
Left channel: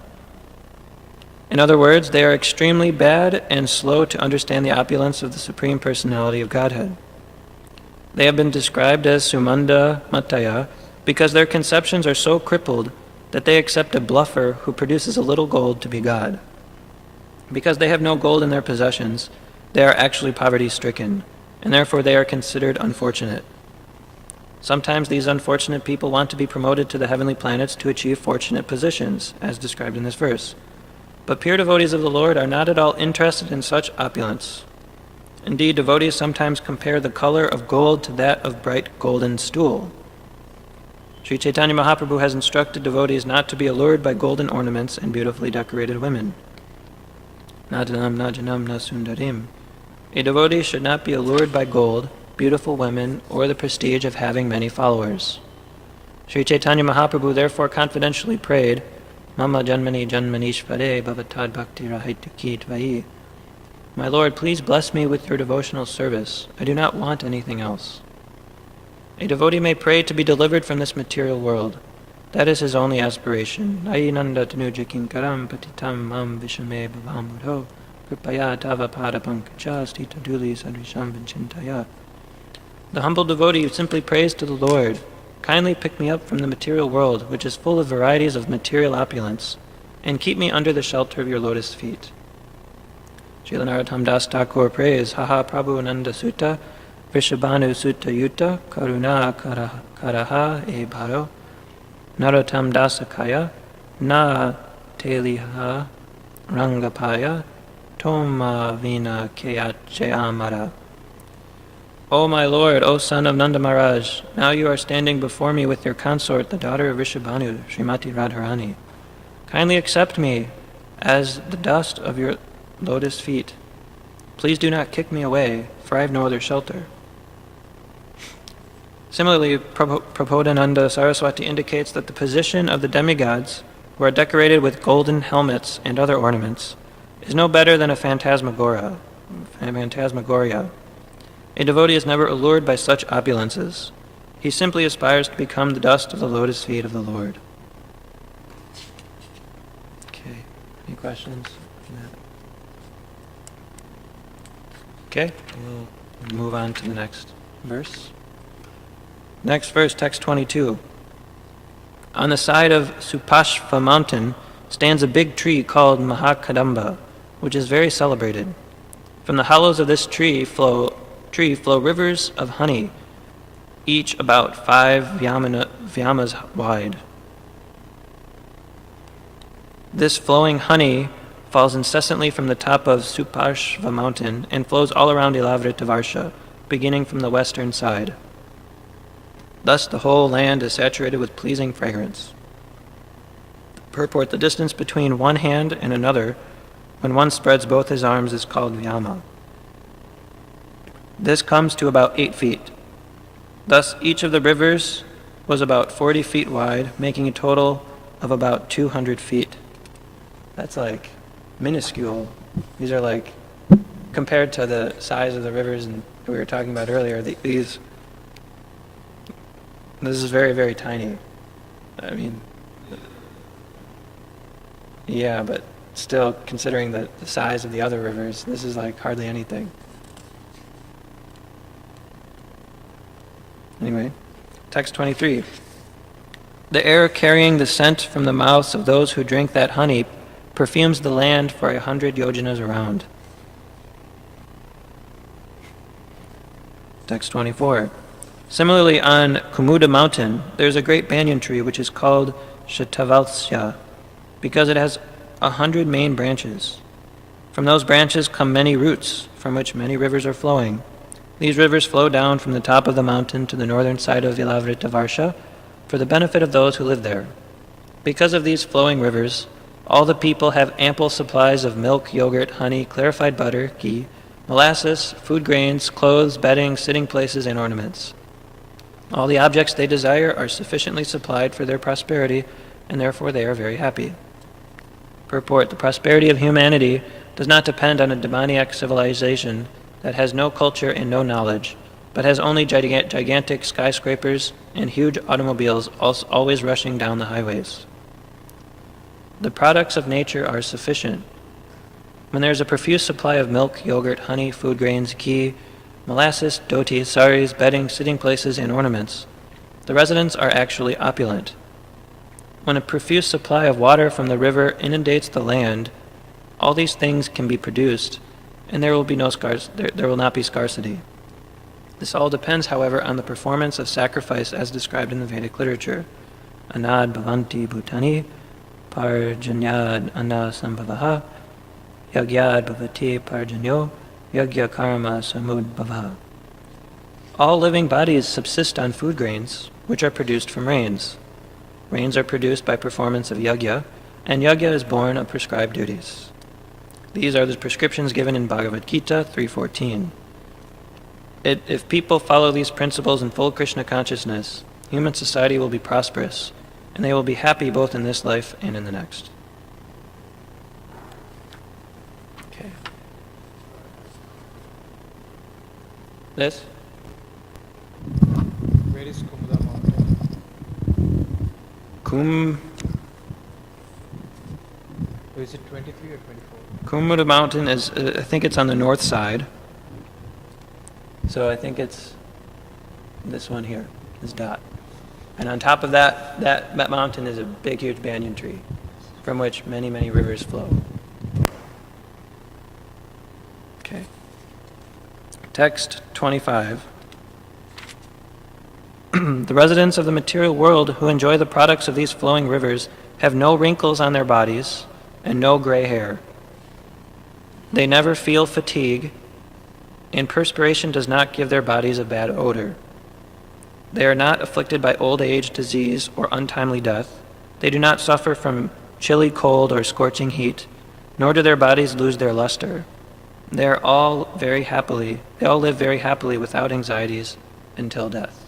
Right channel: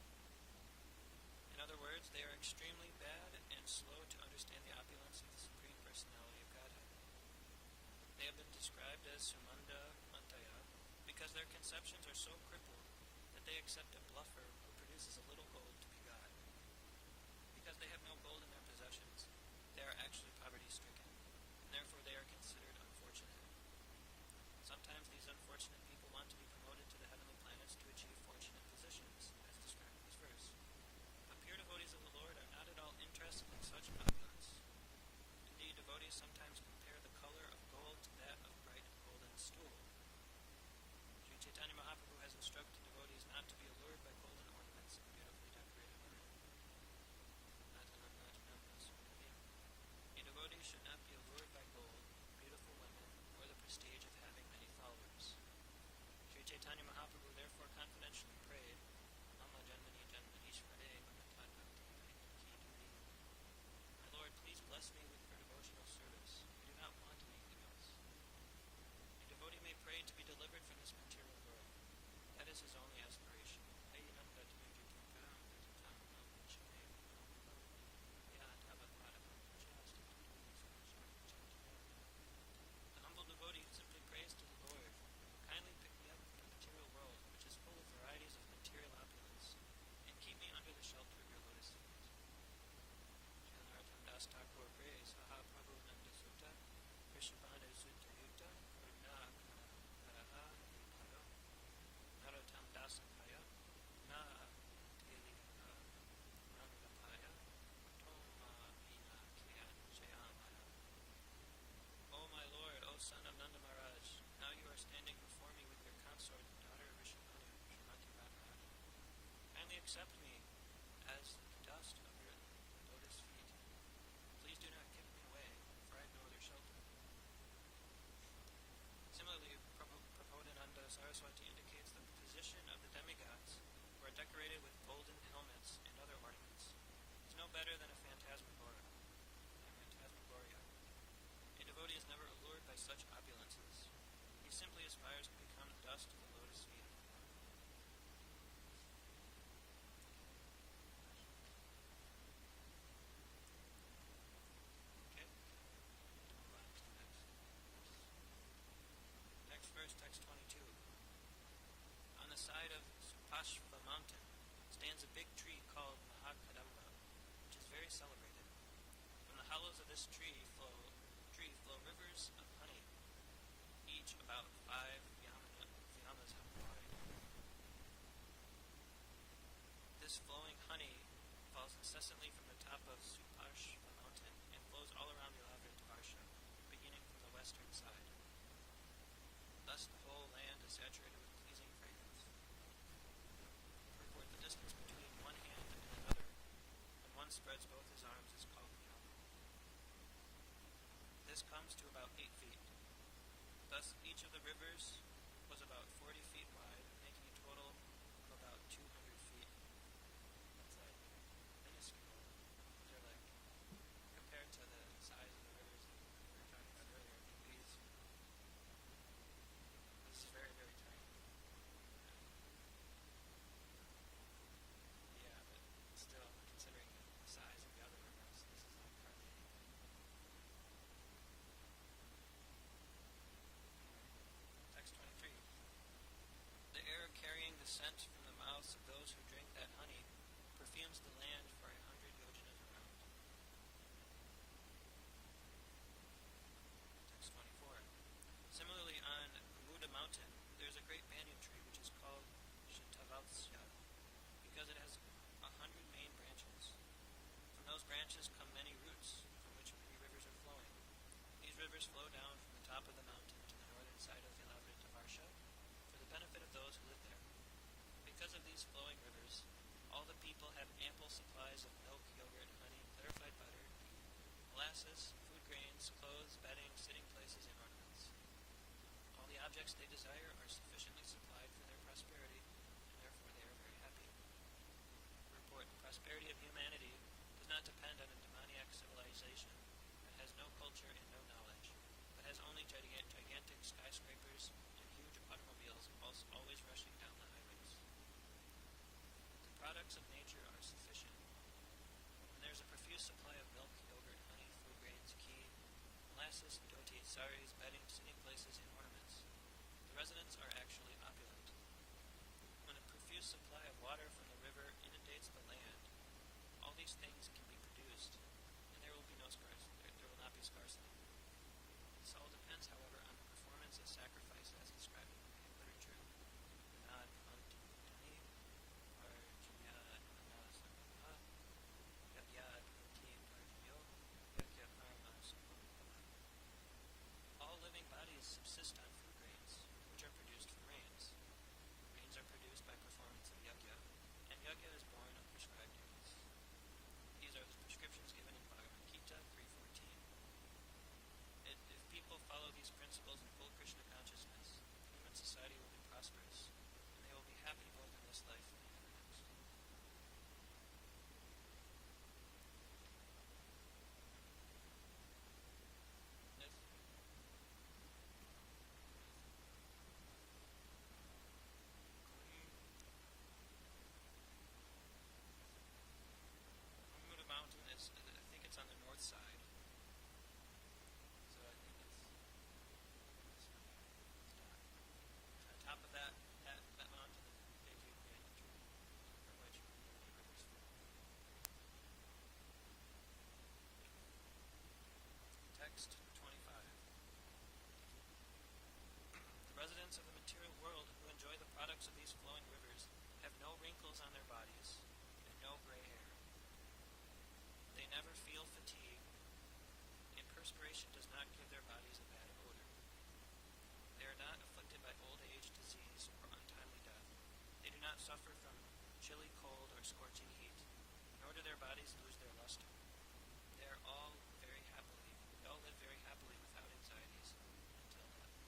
In other words, they are extremely bad and slow to understand the opulence of the Supreme Personality of Godhead. They have been described as Sumanda Mataya because their conceptions are so crippled that they accept a bluffer who produces a little gold to be God. Because they have no gold in their possessions, they are actually poverty-stricken, and therefore they are considered unfortunate. Sometimes these unfortunate people want to be promoted to the heavenly planets to achieve fortunate positions, as described in this verse. But pure devotees of the Lord are not at all interested in such opulence. Indeed, devotees sometimes compare the color of gold to that of bright golden stool. Sri Chaitanya Mahaprabhu has instructed devotees not to be allured by golden ornaments and beautifully decorated women. Nadanam najanam na sundarim. A devotee should not be allured by gold, beautiful women, or the prestige of having many followers. Sri Chaitanya Mahaprabhu therefore confidentially prayed, Mama janmani janmanishvare bhavatad bhakti rahaityaki tvai. My Lord, please bless me with your devotional service. I do not want anything else. A devotee may pray to be delivered from this material world. That is his only aspiration. Nayinanda tanuja kinkaram patitam mam vishame bhavamudho kripaya tava pada pankaja stita duli sadrisham vinchintaya. The humble devotee who simply prays to the Lord, kindly pick me up from the material world, which is full of varieties of material opulence, and keep me under the shelter of your lotus feet. Srila Narottam Das Thakur prays, Haha Prabhu Nanda Sutta, Vrishabhanu Sutta Yuta, Karuna Karaha E Bharo, Narottam Dasakaya, Na Teliha Rangapaya, Toma Vina Keyache Amara. O my Lord, O son of Nanda Maharaj, now you are standing before me with your consort, the daughter of Vrishabhanu, Srimati Radharani. Kindly accept me as the dust of your lotus feet. Please do not kick me away, for I have no other shelter. Similarly, Prabodhananda Saraswati indicates that the position of the demigods, who are decorated with golden helmets and other ornaments, is no better than a phantasmagoria. A devotee is never allured by such opulences. He simply aspires to become the dust of the lotus feet of the Lord. Okay, any questions? Okay, we'll move on to the next verse. Next verse, text 22. On the side of Supashva mountain stands a big tree called Mahakadamba, which is very celebrated. From the hollows of this tree flow rivers of honey, each about 5 vyamas wide. This flowing honey falls incessantly from the top of Supashva mountain and flows all around Ilavrita, beginning from the western side. Thus the whole land is saturated with pleasing fragrance. Purport: the distance between one hand and another, when one spreads both his arms, is called vyama. This comes to about 8 feet. Thus each of the rivers was about 40 feet wide, making a total of about 200 feet. That's like minuscule. These are like, compared to the size of the rivers we were talking about earlier, this is very, very tiny. I mean, yeah, but still, considering the size of the other rivers, this is like hardly anything. Anyway, text 23. The air carrying the scent from the mouths of those who drink that honey perfumes the land for 100 yojanas around. Text 24. Similarly, on Kumuda mountain, there is a great banyan tree which is called Shatavalsya, because it has 100 main branches. From those branches come many roots, from which many rivers are flowing. These rivers flow down from the top of the mountain to the northern side of Ilavrita for the benefit of those who live there. Because of these flowing rivers, all the people have ample supplies of milk, yogurt, honey, clarified butter, ghee, molasses, food grains, clothes, bedding, sitting places, and ornaments. All the objects they desire are sufficiently supplied for their prosperity, and therefore they are very happy. Purport: the prosperity of humanity does not depend on a demoniac civilization that has no culture and no knowledge, but has only gigantic skyscrapers and huge automobiles always rushing down the highways. The products of nature are sufficient. When there is a profuse supply of milk, yogurt, honey, food grains, ghee, molasses, dhoti, saris, bedding, sitting places, and ornaments, the residents are actually opulent. When a profuse supply of water from the river inundates the land, all these things can be produced, and there will not be scarcity. This all depends, however, on the performance of sacrifice as described in the Vedic literature. Anad bhavanti bhutani, parjanyad anna sambhavaha, yagyad bhavati parjanyo, yagya karma samudbhava. All living bodies subsist on food grains, which are produced from rains. Rains are produced by performance of yagya, and yagya is born of prescribed duties. These are the prescriptions given in Bhagavad Gita 3:14. If people follow these principles in full Krishna consciousness, human society will be prosperous, and they will be happy both in this life and in the next. Okay. This? Where is Kumuda mountain? Or is it 23 or 24? Kumuda mountain is, I think it's on the north side. So I think it's this one here, this dot. And on top of that mountain is a big, huge banyan tree from which many, many rivers flow. Okay. Text 25. The residents of the material world who enjoy the products of these flowing rivers have no wrinkles on their bodies and no gray hair. They never feel fatigue, and perspiration does not give their bodies a bad odor. They are not afflicted by old age, disease, or untimely death. They do not suffer from chilly cold or scorching heat, nor do their bodies lose their luster. They all live very happily without anxieties until death.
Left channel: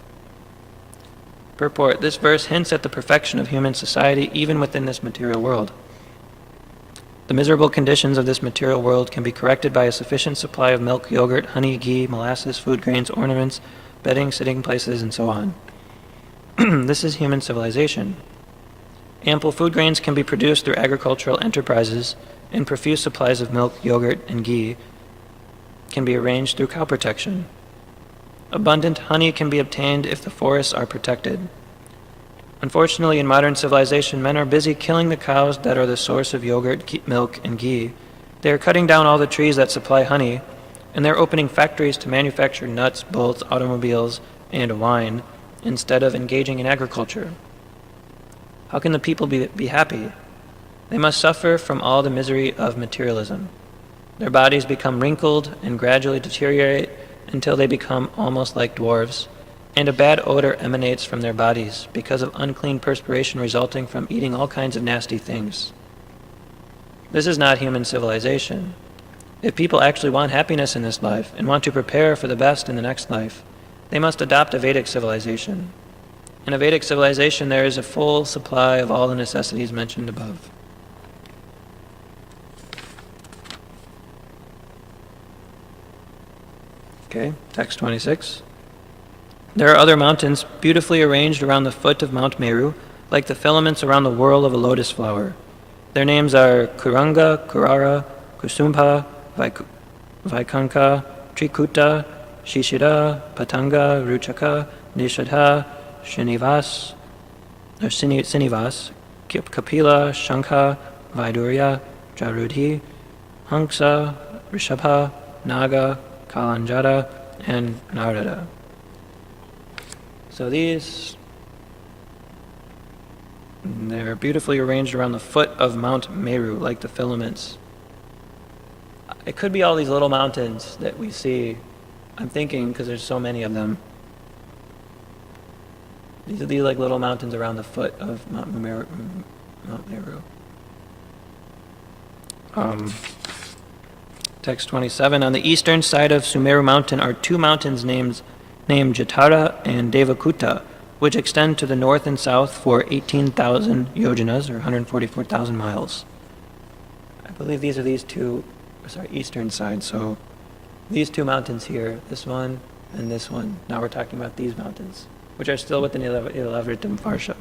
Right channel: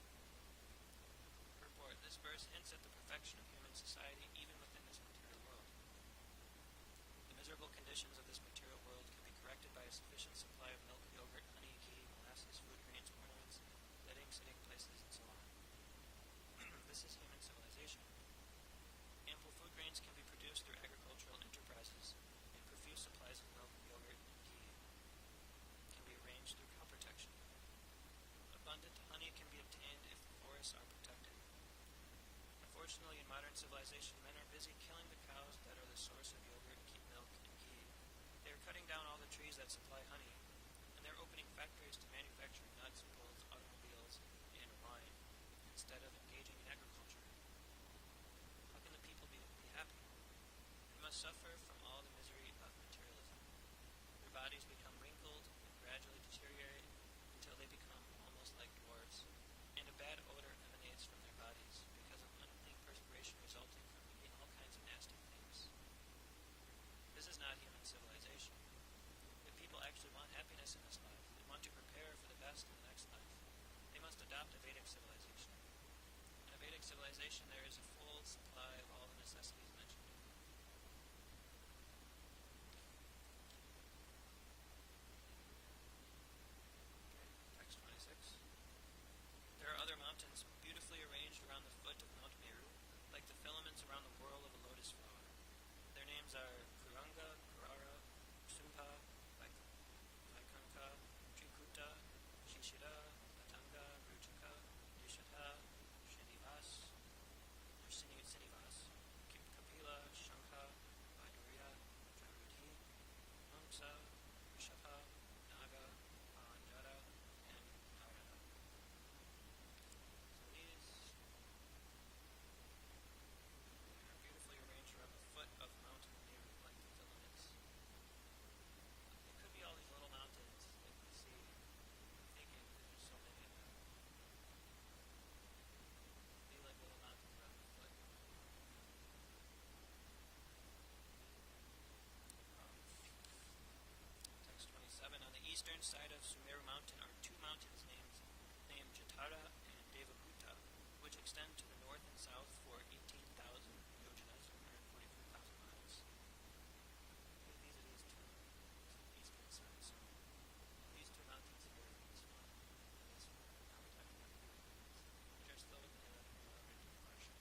Purport: this verse hints at the perfection of human society even within this material world. The miserable conditions of this material world can be corrected by a sufficient supply of milk, yogurt, honey, ghee, molasses, food grains, ornaments, bedding, sitting places, and so on. This is human civilization. Ample food grains can be produced through agricultural enterprises, and profuse supplies of milk, yogurt, and ghee can be arranged through cow protection. Abundant honey can be obtained if the forests are protected. Unfortunately, in modern civilization, men are busy killing the cows that are the source of yogurt, milk, and ghee, They are cutting down all the trees that supply honey, and they're opening factories to manufacture nuts, bolts, automobiles, and wine, instead of engaging in agriculture. How can the people be happy? They must suffer from all the misery of materialism. Their bodies become wrinkled and gradually deteriorate until they become almost like dwarves, and a bad odor emanates from their bodies because of unclean perspiration resulting from eating all kinds of nasty things. This is not human civilization. If people actually want happiness in this life and want to prepare for the best in the next life, they must adopt a Vedic civilization. In a Vedic civilization, there is a full supply of all the necessities mentioned above. Okay, text 26. There are other mountains beautifully arranged around the foot of Mount Meru, like the filaments around the whorl of a lotus flower. Their names are Kuranga, Kurara, Kusumpa, Vaikanka, Trikuta, Shishira, Patanga, Ruchaka, Nishadha, Srinivas, Kapila, Shankha, Vaidurya, Jarudhi, Hanksa, Rishabha, Naga, Kalanjara, and Narada. So they're beautifully arranged around the foot of Mount Meru, like the filaments. It could be all these little mountains that we see. I'm thinking, because there's so many of them. These are these like little mountains around the foot of Mount Meru. Text 27. On the eastern side of Sumeru Mountain are two mountains named Jatara and Devakuta, which extend to the north and south for 18,000 yojanas, or 144,000 miles. I believe these are eastern side. So these two mountains here, this one and this one. Now we're talking about these mountains, which are still within Ilavritam Varsha.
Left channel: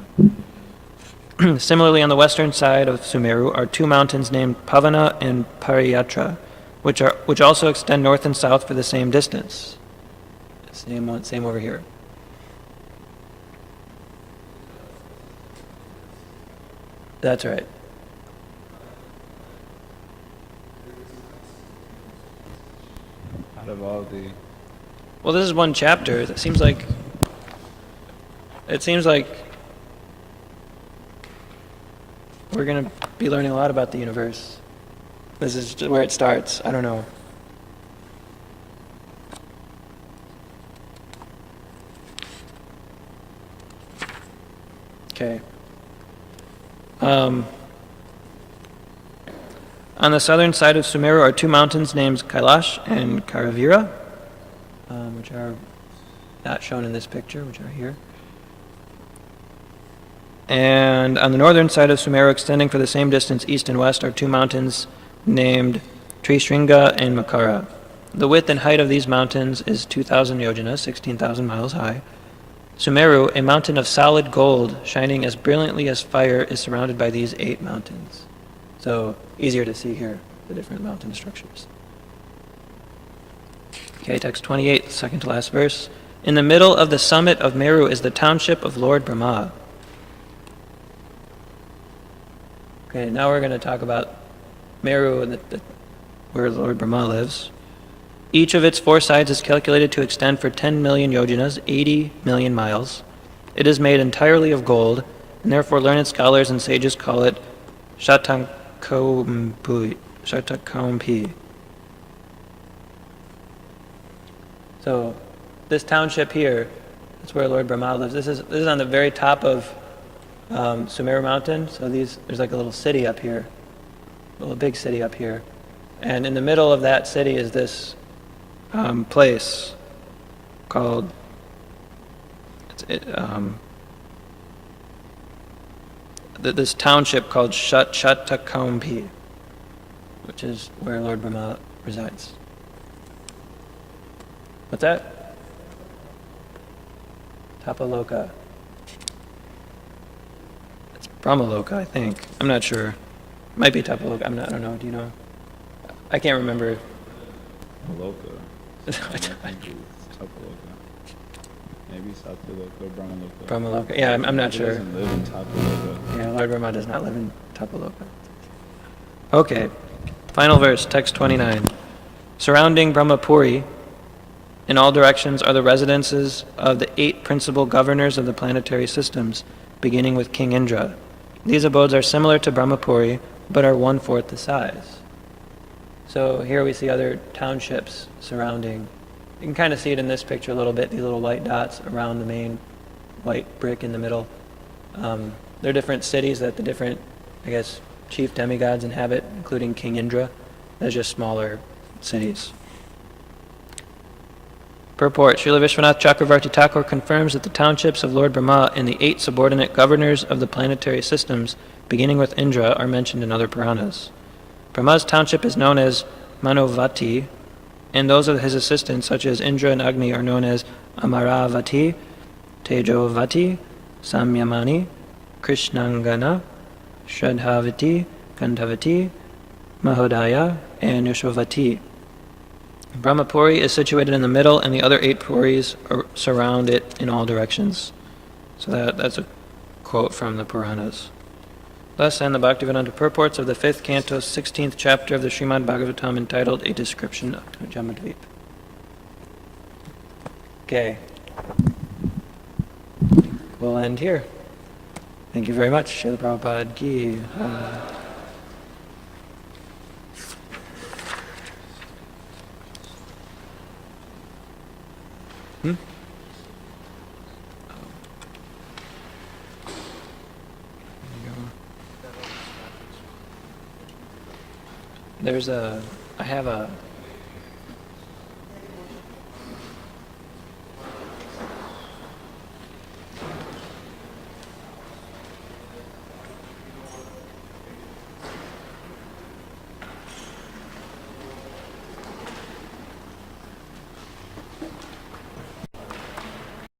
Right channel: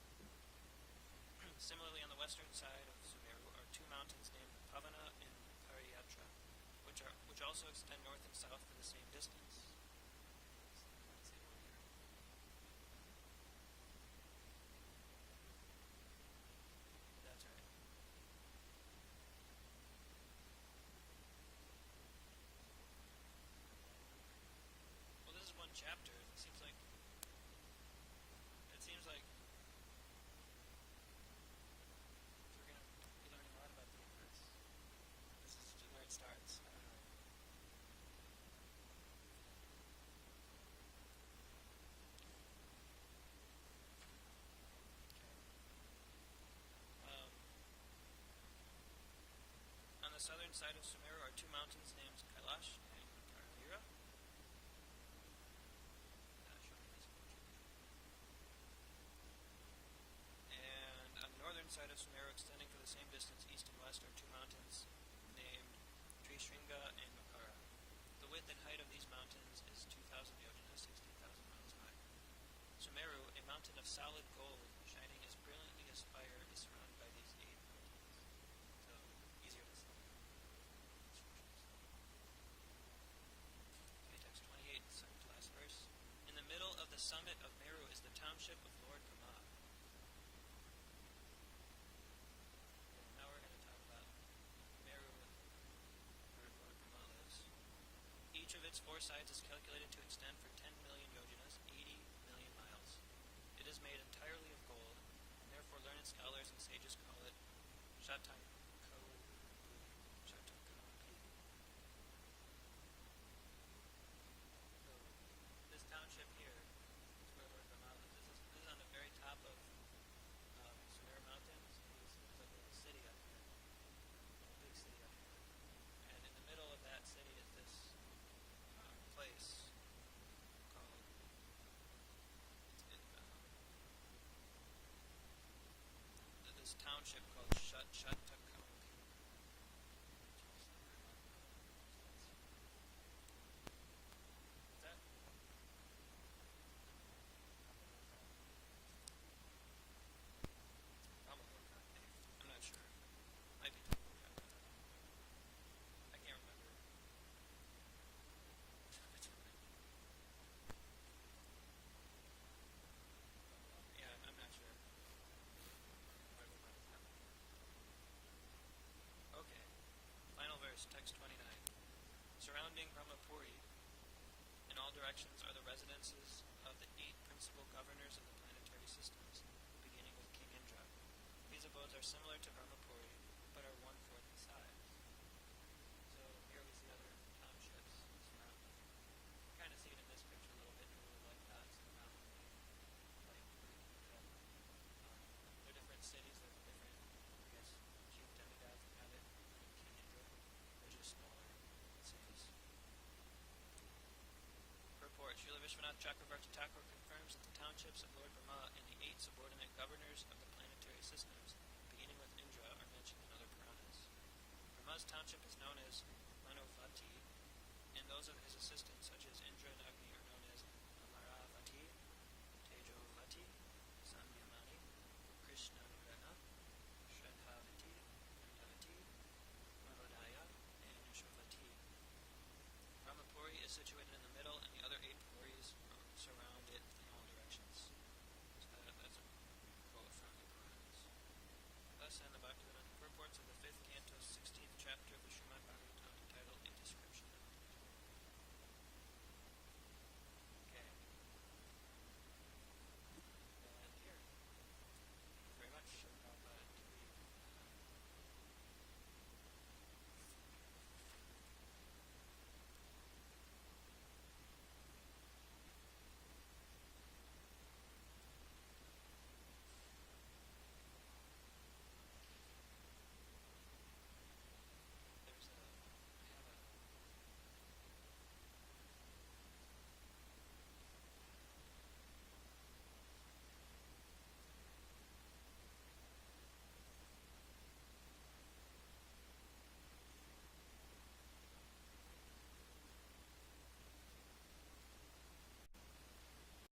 Similarly, on the western side of Sumeru are two mountains named Pavana and Pariyatra, which also extend north and south for the same distance. Same over here. That's right. Out of all the... Well, this is one chapter. It seems like we're going to be learning a lot about the universe. This is where it starts. I don't know. Okay. On the southern side of Sumeru are two mountains named Kailash and Karavira, which are not shown in this picture, which are here. And on the northern side of Sumeru, extending for the same distance east and west, are two mountains named Trishringa and Makara. The width and height of these mountains is 2,000 yojanas, 16,000 miles high. Sumeru, a mountain of solid gold, shining as brilliantly as fire, is surrounded by these 8 mountains. So, easier to see here, the different mountain structures. Okay, text 28, second to last verse. In the middle of the summit of Meru is the township of Lord Brahma. Okay, now we're going to talk about Meru, where Lord Brahma lives. Each of its 4 sides is calculated to extend for 10 million yojanas, 80 million miles. It is made entirely of gold, and therefore learned scholars and sages call it Shatakampi. So, this township here, that's where Lord Brahma lives. This is on the very top of Sumeru Mountain. So there's like a little city up here, a little big city up here, and in the middle of that city is this place called this township called Shatakampi, which is where Lord Brahma resides. What's that? Tapaloka. It's Brahmaloka, I think. I'm not sure. Might be Tapaloka. I don't know. Do you know? I can't remember. Loka. Maybe Satyaloka or Brahmaloka. Brahmaloka. Yeah, I'm not sure. He doesn't live in Tapaloka. Yeah, Lord Brahma does not live in Tapaloka. Okay, Final verse, text 29. Surrounding Brahmapuri, in all directions, are the residences of the 8 principal governors of the planetary systems, beginning with King Indra. These abodes are similar to Brahmapuri, but are 1/4 the size. So here we see other townships surrounding. You can kind of see it in this picture a little bit, these little white dots around the main white brick in the middle. They're different cities that the different, I guess, chief demigods inhabit, including King Indra. They're just smaller cities. Purport. Srila Vishwanath Chakravarti Thakur confirms that the townships of Lord Brahma and the 8 subordinate governors of the planetary systems, beginning with Indra, are mentioned in other Puranas. Brahma's township is known as Manovati, and those of his assistants, such as Indra and Agni, are known as Amaravati, Tejovati, Samyamani, Krishnangana, Shradhavati, Gandhavati, Mahodaya, and Yashovati. Brahmapuri is situated in the middle, and the other 8 puris surround it in all directions. So that's a quote from the Puranas. Thus end the Bhaktivedanta purports of the 5th canto, 16th chapter of the Srimad Bhagavatam, entitled A Description of Jamadvip. Okay. We'll end here. Thank you very much. Srila Prabhupada Ki. I have a